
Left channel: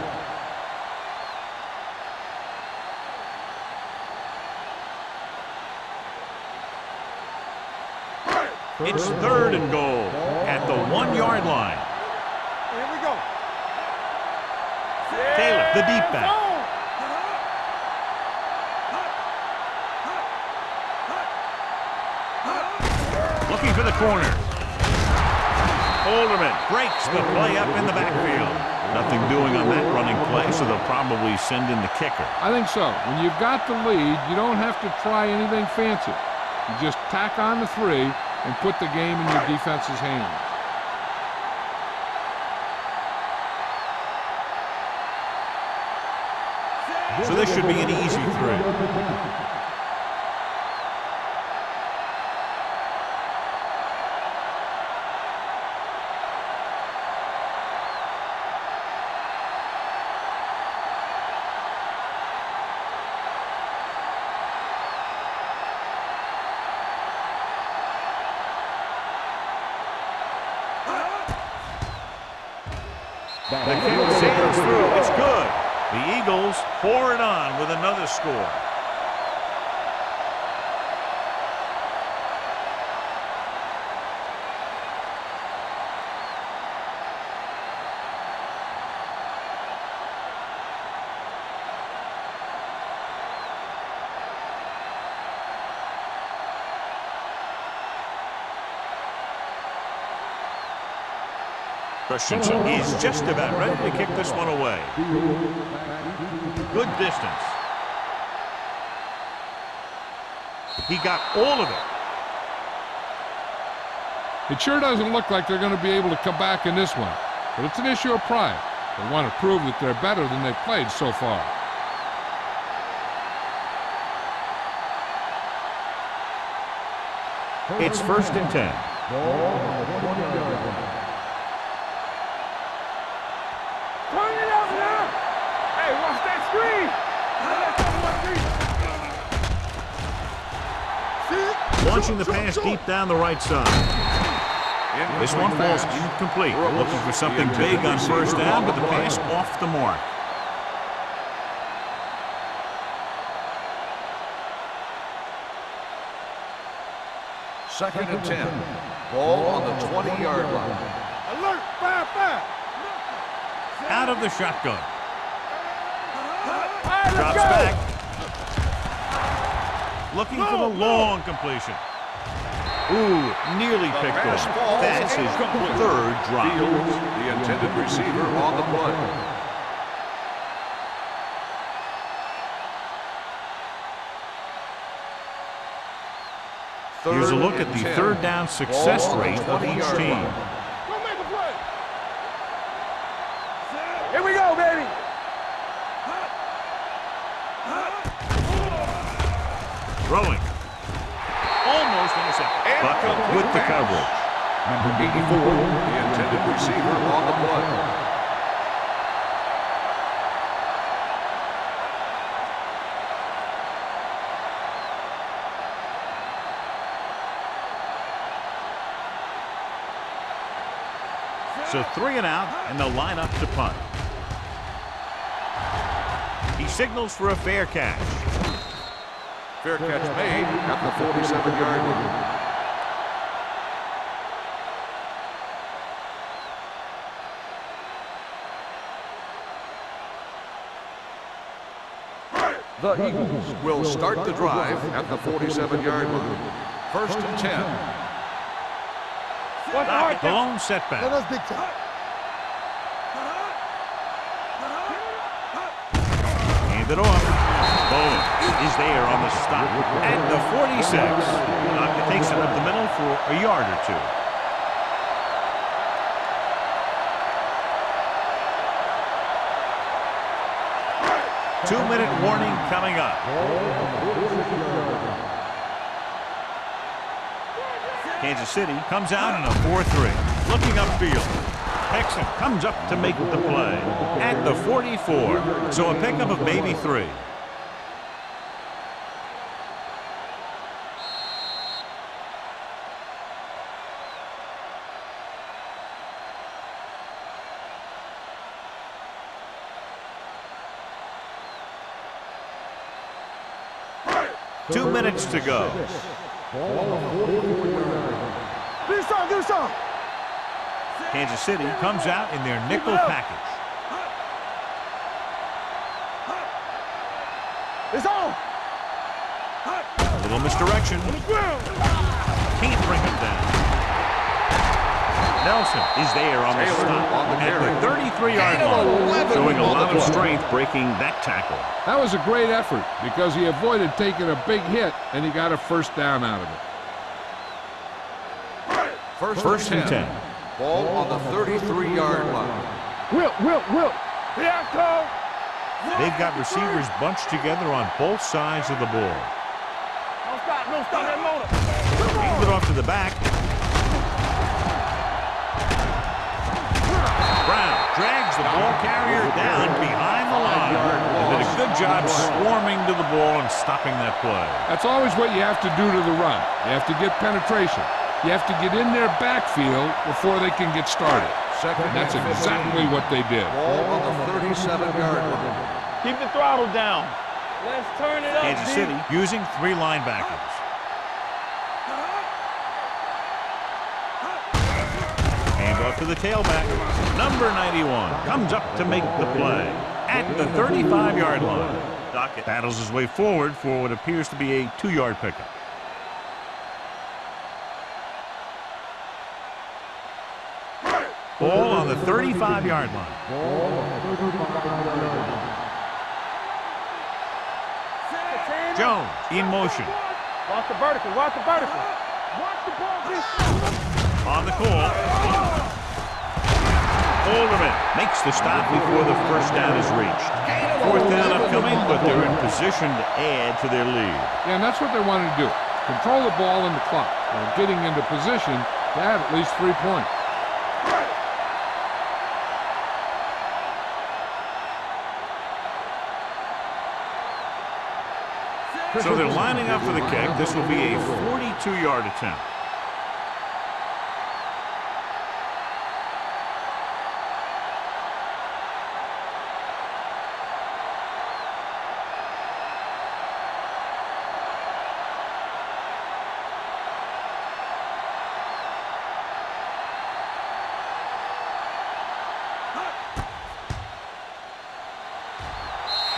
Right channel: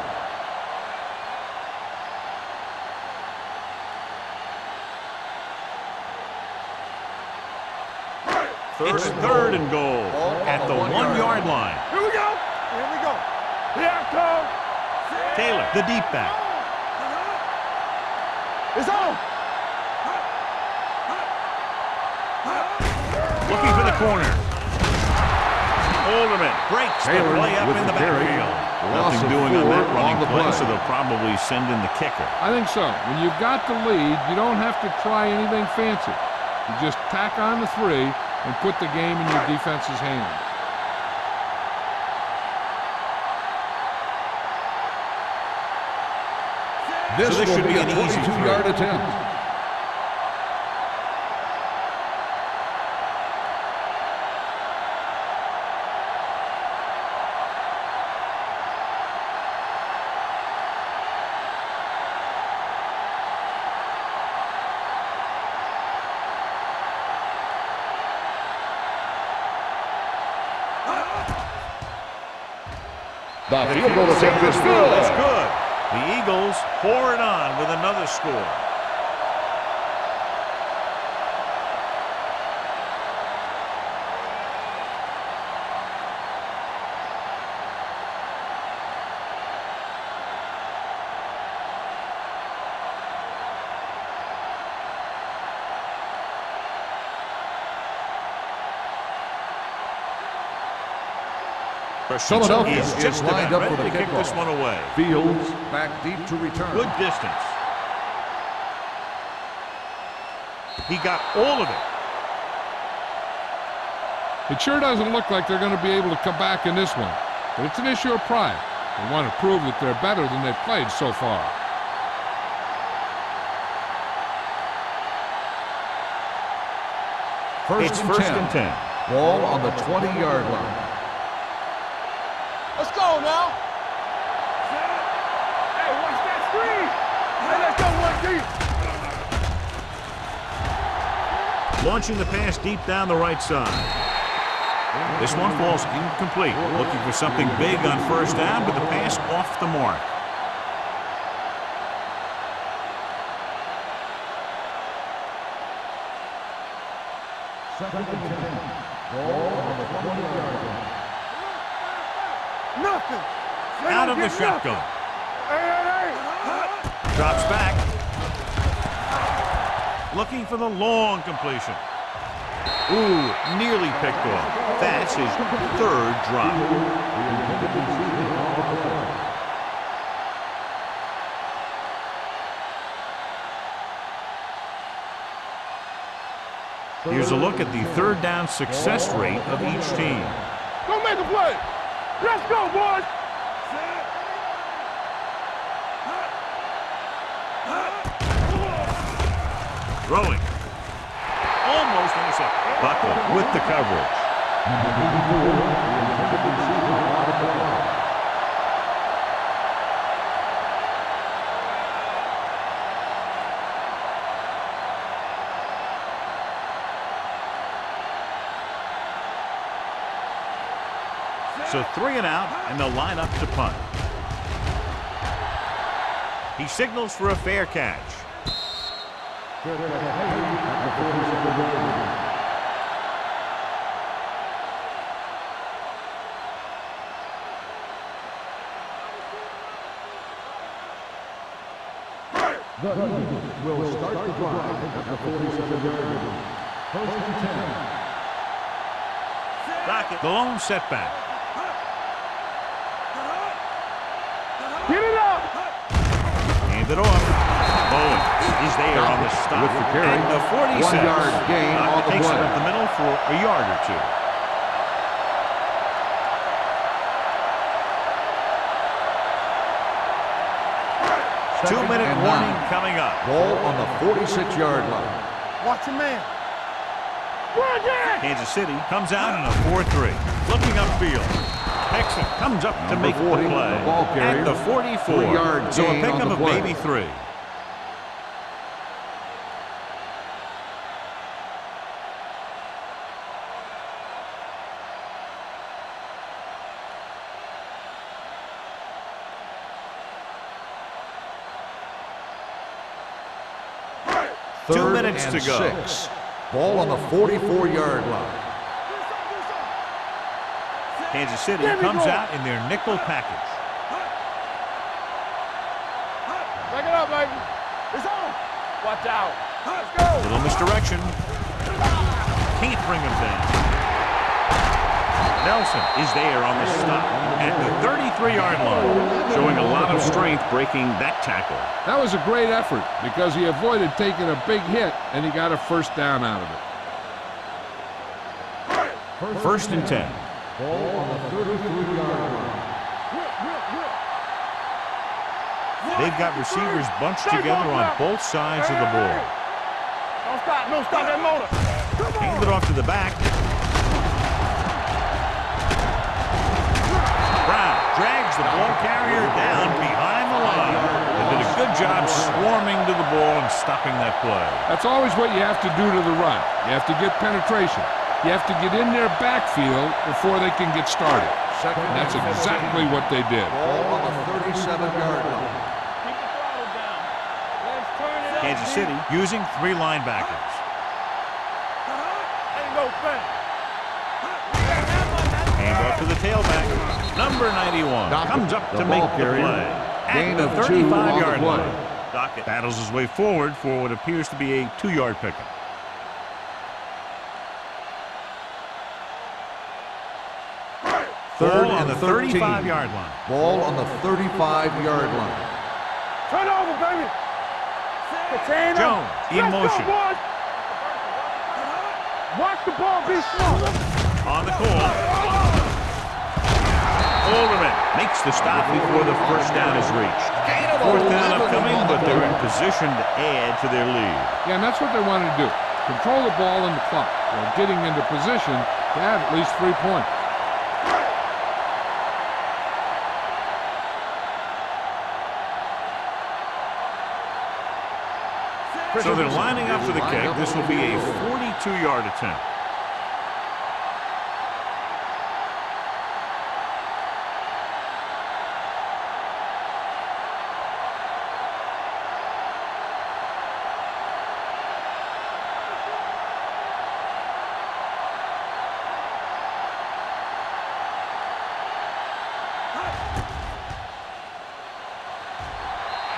It's third and goal at the 1-yard line. Here we go. Here we go. Here it comes. Taylor, the deep back. It's on. Looking for the corner. Alderman breaks the play up in the backfield. Nothing doing on that running play, so they'll probably send in the kicker. I think so. When you've got the lead, you don't have to try anything fancy. You just tack on the 3 and put the game in your defense's hands. So this should be an easy 3. The kick sails through. It's good. The Eagles pour it on with another score. Christensen is just about ready to kick this one away. Fields back deep to return. Good distance. He got all of it. It sure doesn't look like they're going to be able to come back in this one, but it's an issue of pride. They want to prove that they're better than they've played so far. It's first and 10. Ball on the 20-yard line. Let's go now. Turn it up now. Hey, watch that screen. Hey, let's go one deep. Launching the pass deep down the right side. This one falls incomplete. Looking for something big on first down, but the pass off the mark. Second and 10. Ball on the 20-yard line. Alert, 5-5. Nothing. Out of the shotgun. Hey. Drops back. Looking for the long completion. Ooh, nearly picked off. That's his third drop. The intended receiver on the play. Here's a look at the third down success rate of each team. Go make a play. Let's go, boys. Here we go, baby. Throwing. Almost intercepted. Buckley with the coverage. Number 84, the intended receiver on the play. So 3 and out, and they'll line up to punt. He signals for a fair catch. Fair catch made at the 47-yard line. The Eagles will start the drive at the 47-yard line. First and 10. The lone setback. Get it up. Hand it off. Bowen is there on the stop at the 46. It takes it up the middle for a yard or two. Two-minute warning coming up. Ball on the 46-yard line. Watch a man. Kansas City comes out in a 4-3. Looking upfield. Texan comes up to make the play at the 44. So a pickup of maybe 3. Two minutes to go. Ball on the 44-yard line. Do something. Kansas City comes out in their nickel package. Back it up, baby. It's on. Watch out. A little misdirection. Can't bring him down. Nelson is there on the stop at the 33-yard line, showing a lot of strength breaking that tackle. That was a great effort because he avoided taking a big hit and he got a first down out of it. First and 10. Ball on the 33-yard line. Will. Here I come. They've got receivers bunched together on both sides of the ball. Don't stop that motor. Come Hand it off to the back. Brown drags the ball carrier down behind the line and did a good job swarming to the ball and stopping that play. That's always what you have to do to the run. You have to get penetration. You have to get in their backfield before they can get started. And that's exactly what they did. Ball on the 37-yard line. Keep the throttle down. Let's turn it up. Kansas City using 3 linebackers. Hand off to the tailback. Number 91 comes up to make the play at the 35-yard line. Dockett battles his way forward for what appears to be a 2-yard pickup. Ball on the 35-yard line. Ball on the 35-yard line. Turn over, baby. Jones in motion. vertical. Watch the vertical. Watch the ball be smart. On the call. Alderman makes the stop before the first down is reached. Fourth down upcoming, but they're in position to add to their lead. Yeah, and that's what they wanted to do. Control the ball and the clock while getting into position to add at least 3 points. So they're lining up for the kick. This will be a 42-yard attempt.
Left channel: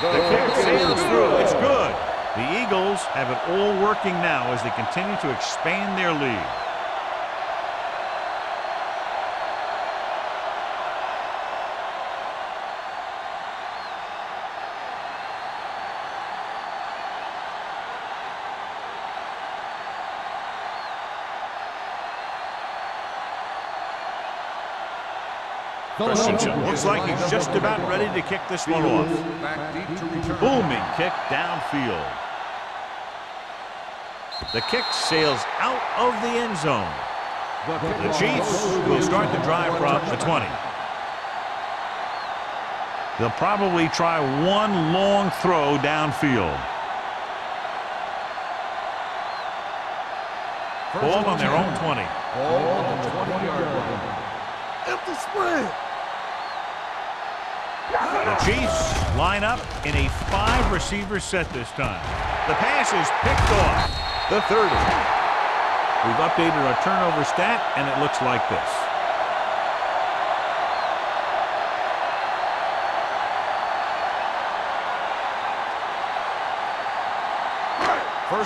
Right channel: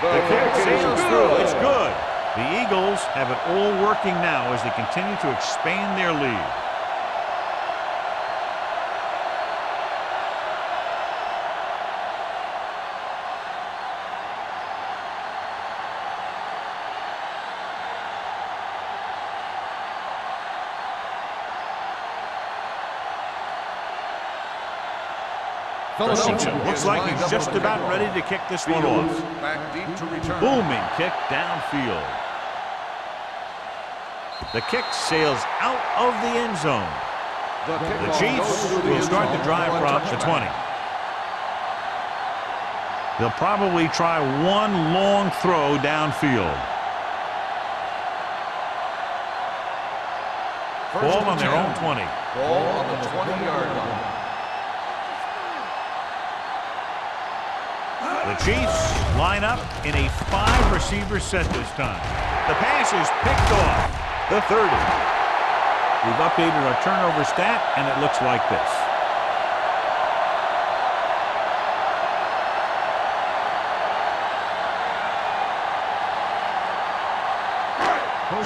The kick sails through. It's good. The Eagles have it all working now as they continue to expand their lead. Christensen looks like he's just about ready to kick this one off. Back deep to return. Booming kick downfield. The kick sails out of the end zone. The Chiefs will start the drive from the 20. They'll probably try one long throw downfield. Ball on their own 20. Ball on the 20-yard line. Empty spread. The Chiefs line up in a 5-receiver set this time. The pass is picked off. The 30. We've updated our turnover stat, and it looks like this.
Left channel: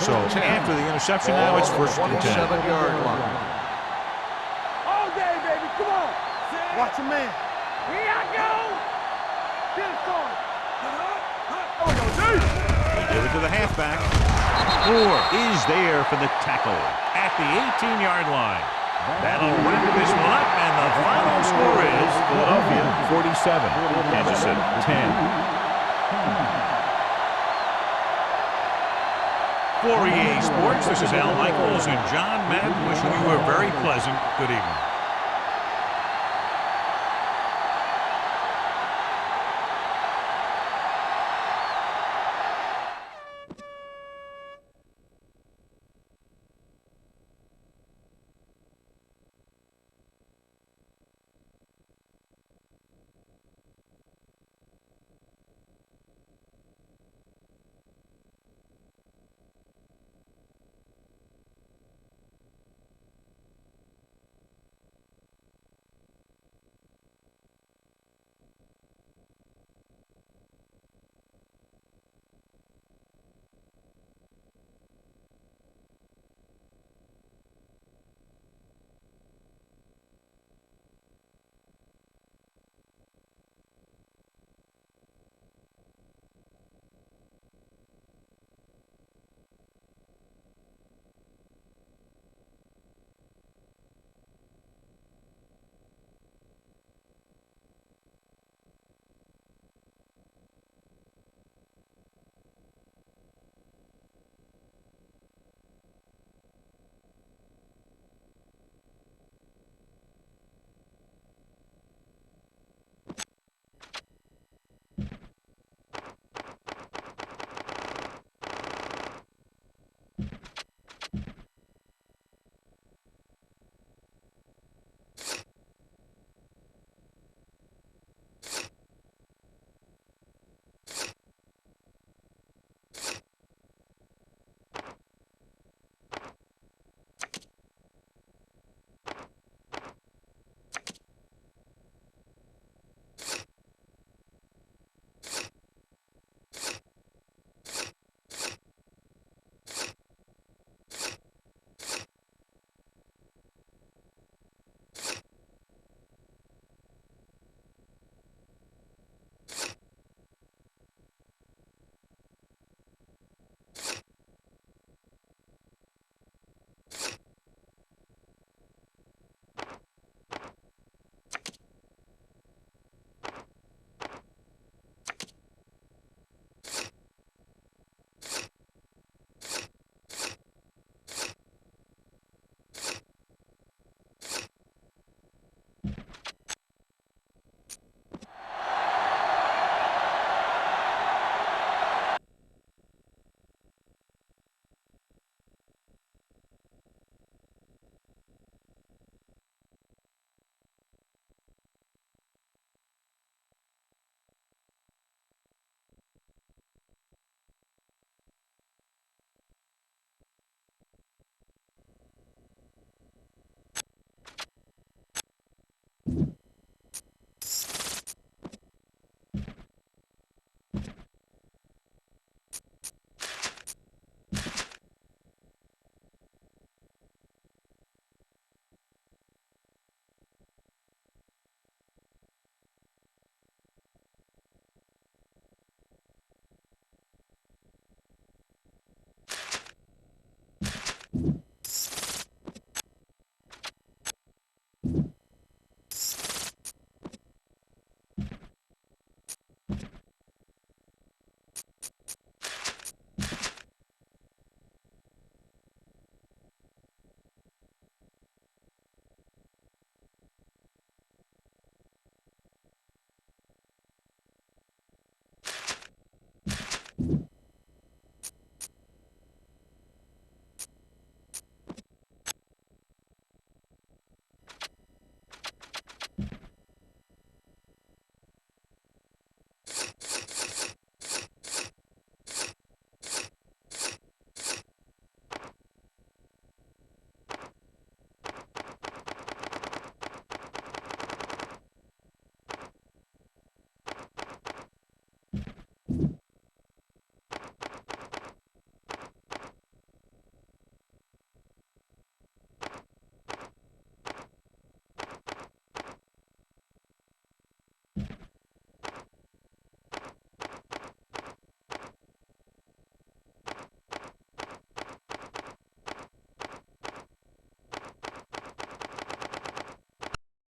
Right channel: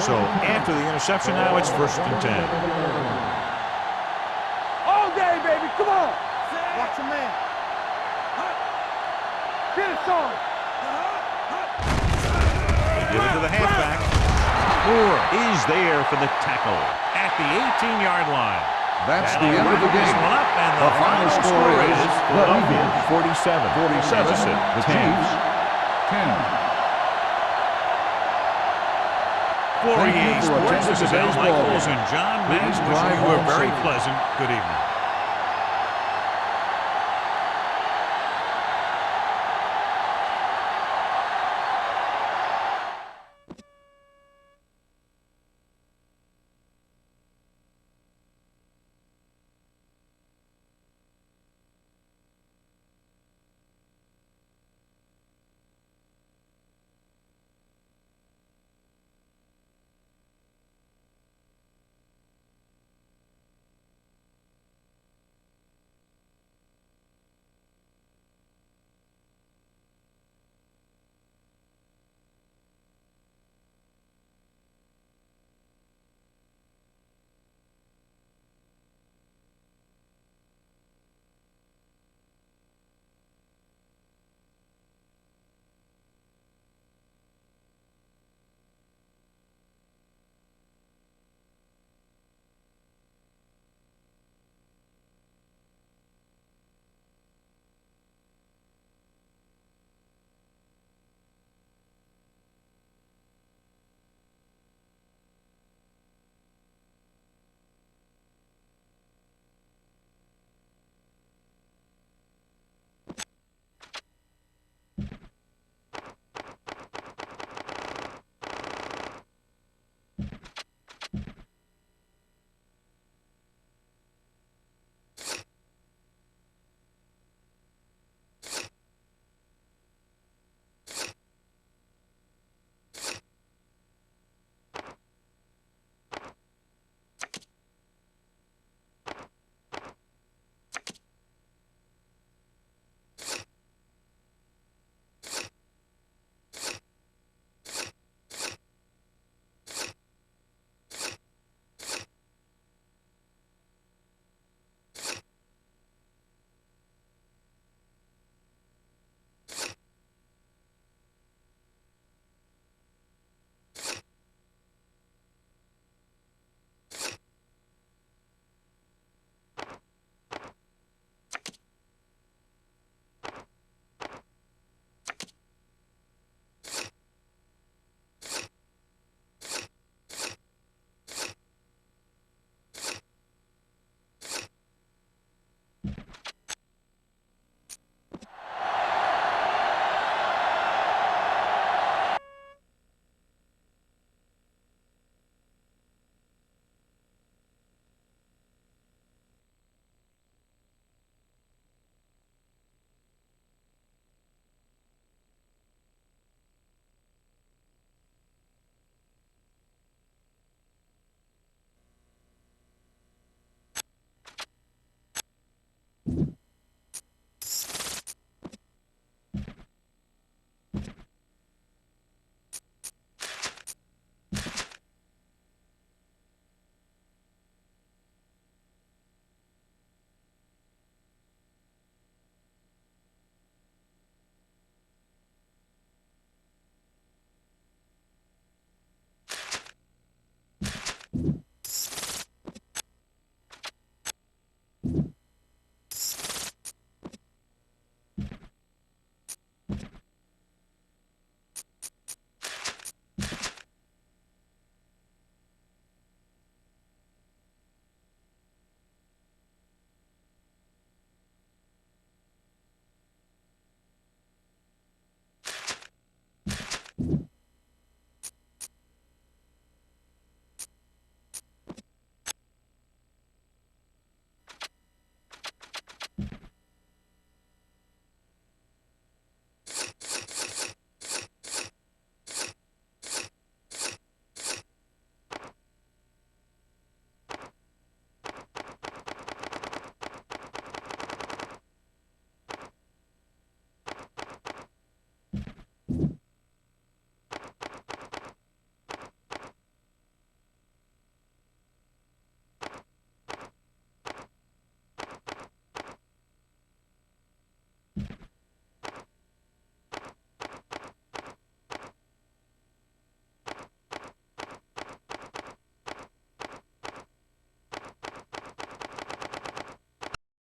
So after the interception now, it's 1st and 10. All day, baby. Come on. Watch your man. Here I go. Get it started. They give it to the halfback. Moore is there for the tackle at the 18-yard line. That'll wrap this one up, and the final score is Philadelphia 47, Kansas City 10. For EA Sports, this is Al Michaels and John Madden wishing you a very pleasant good evening.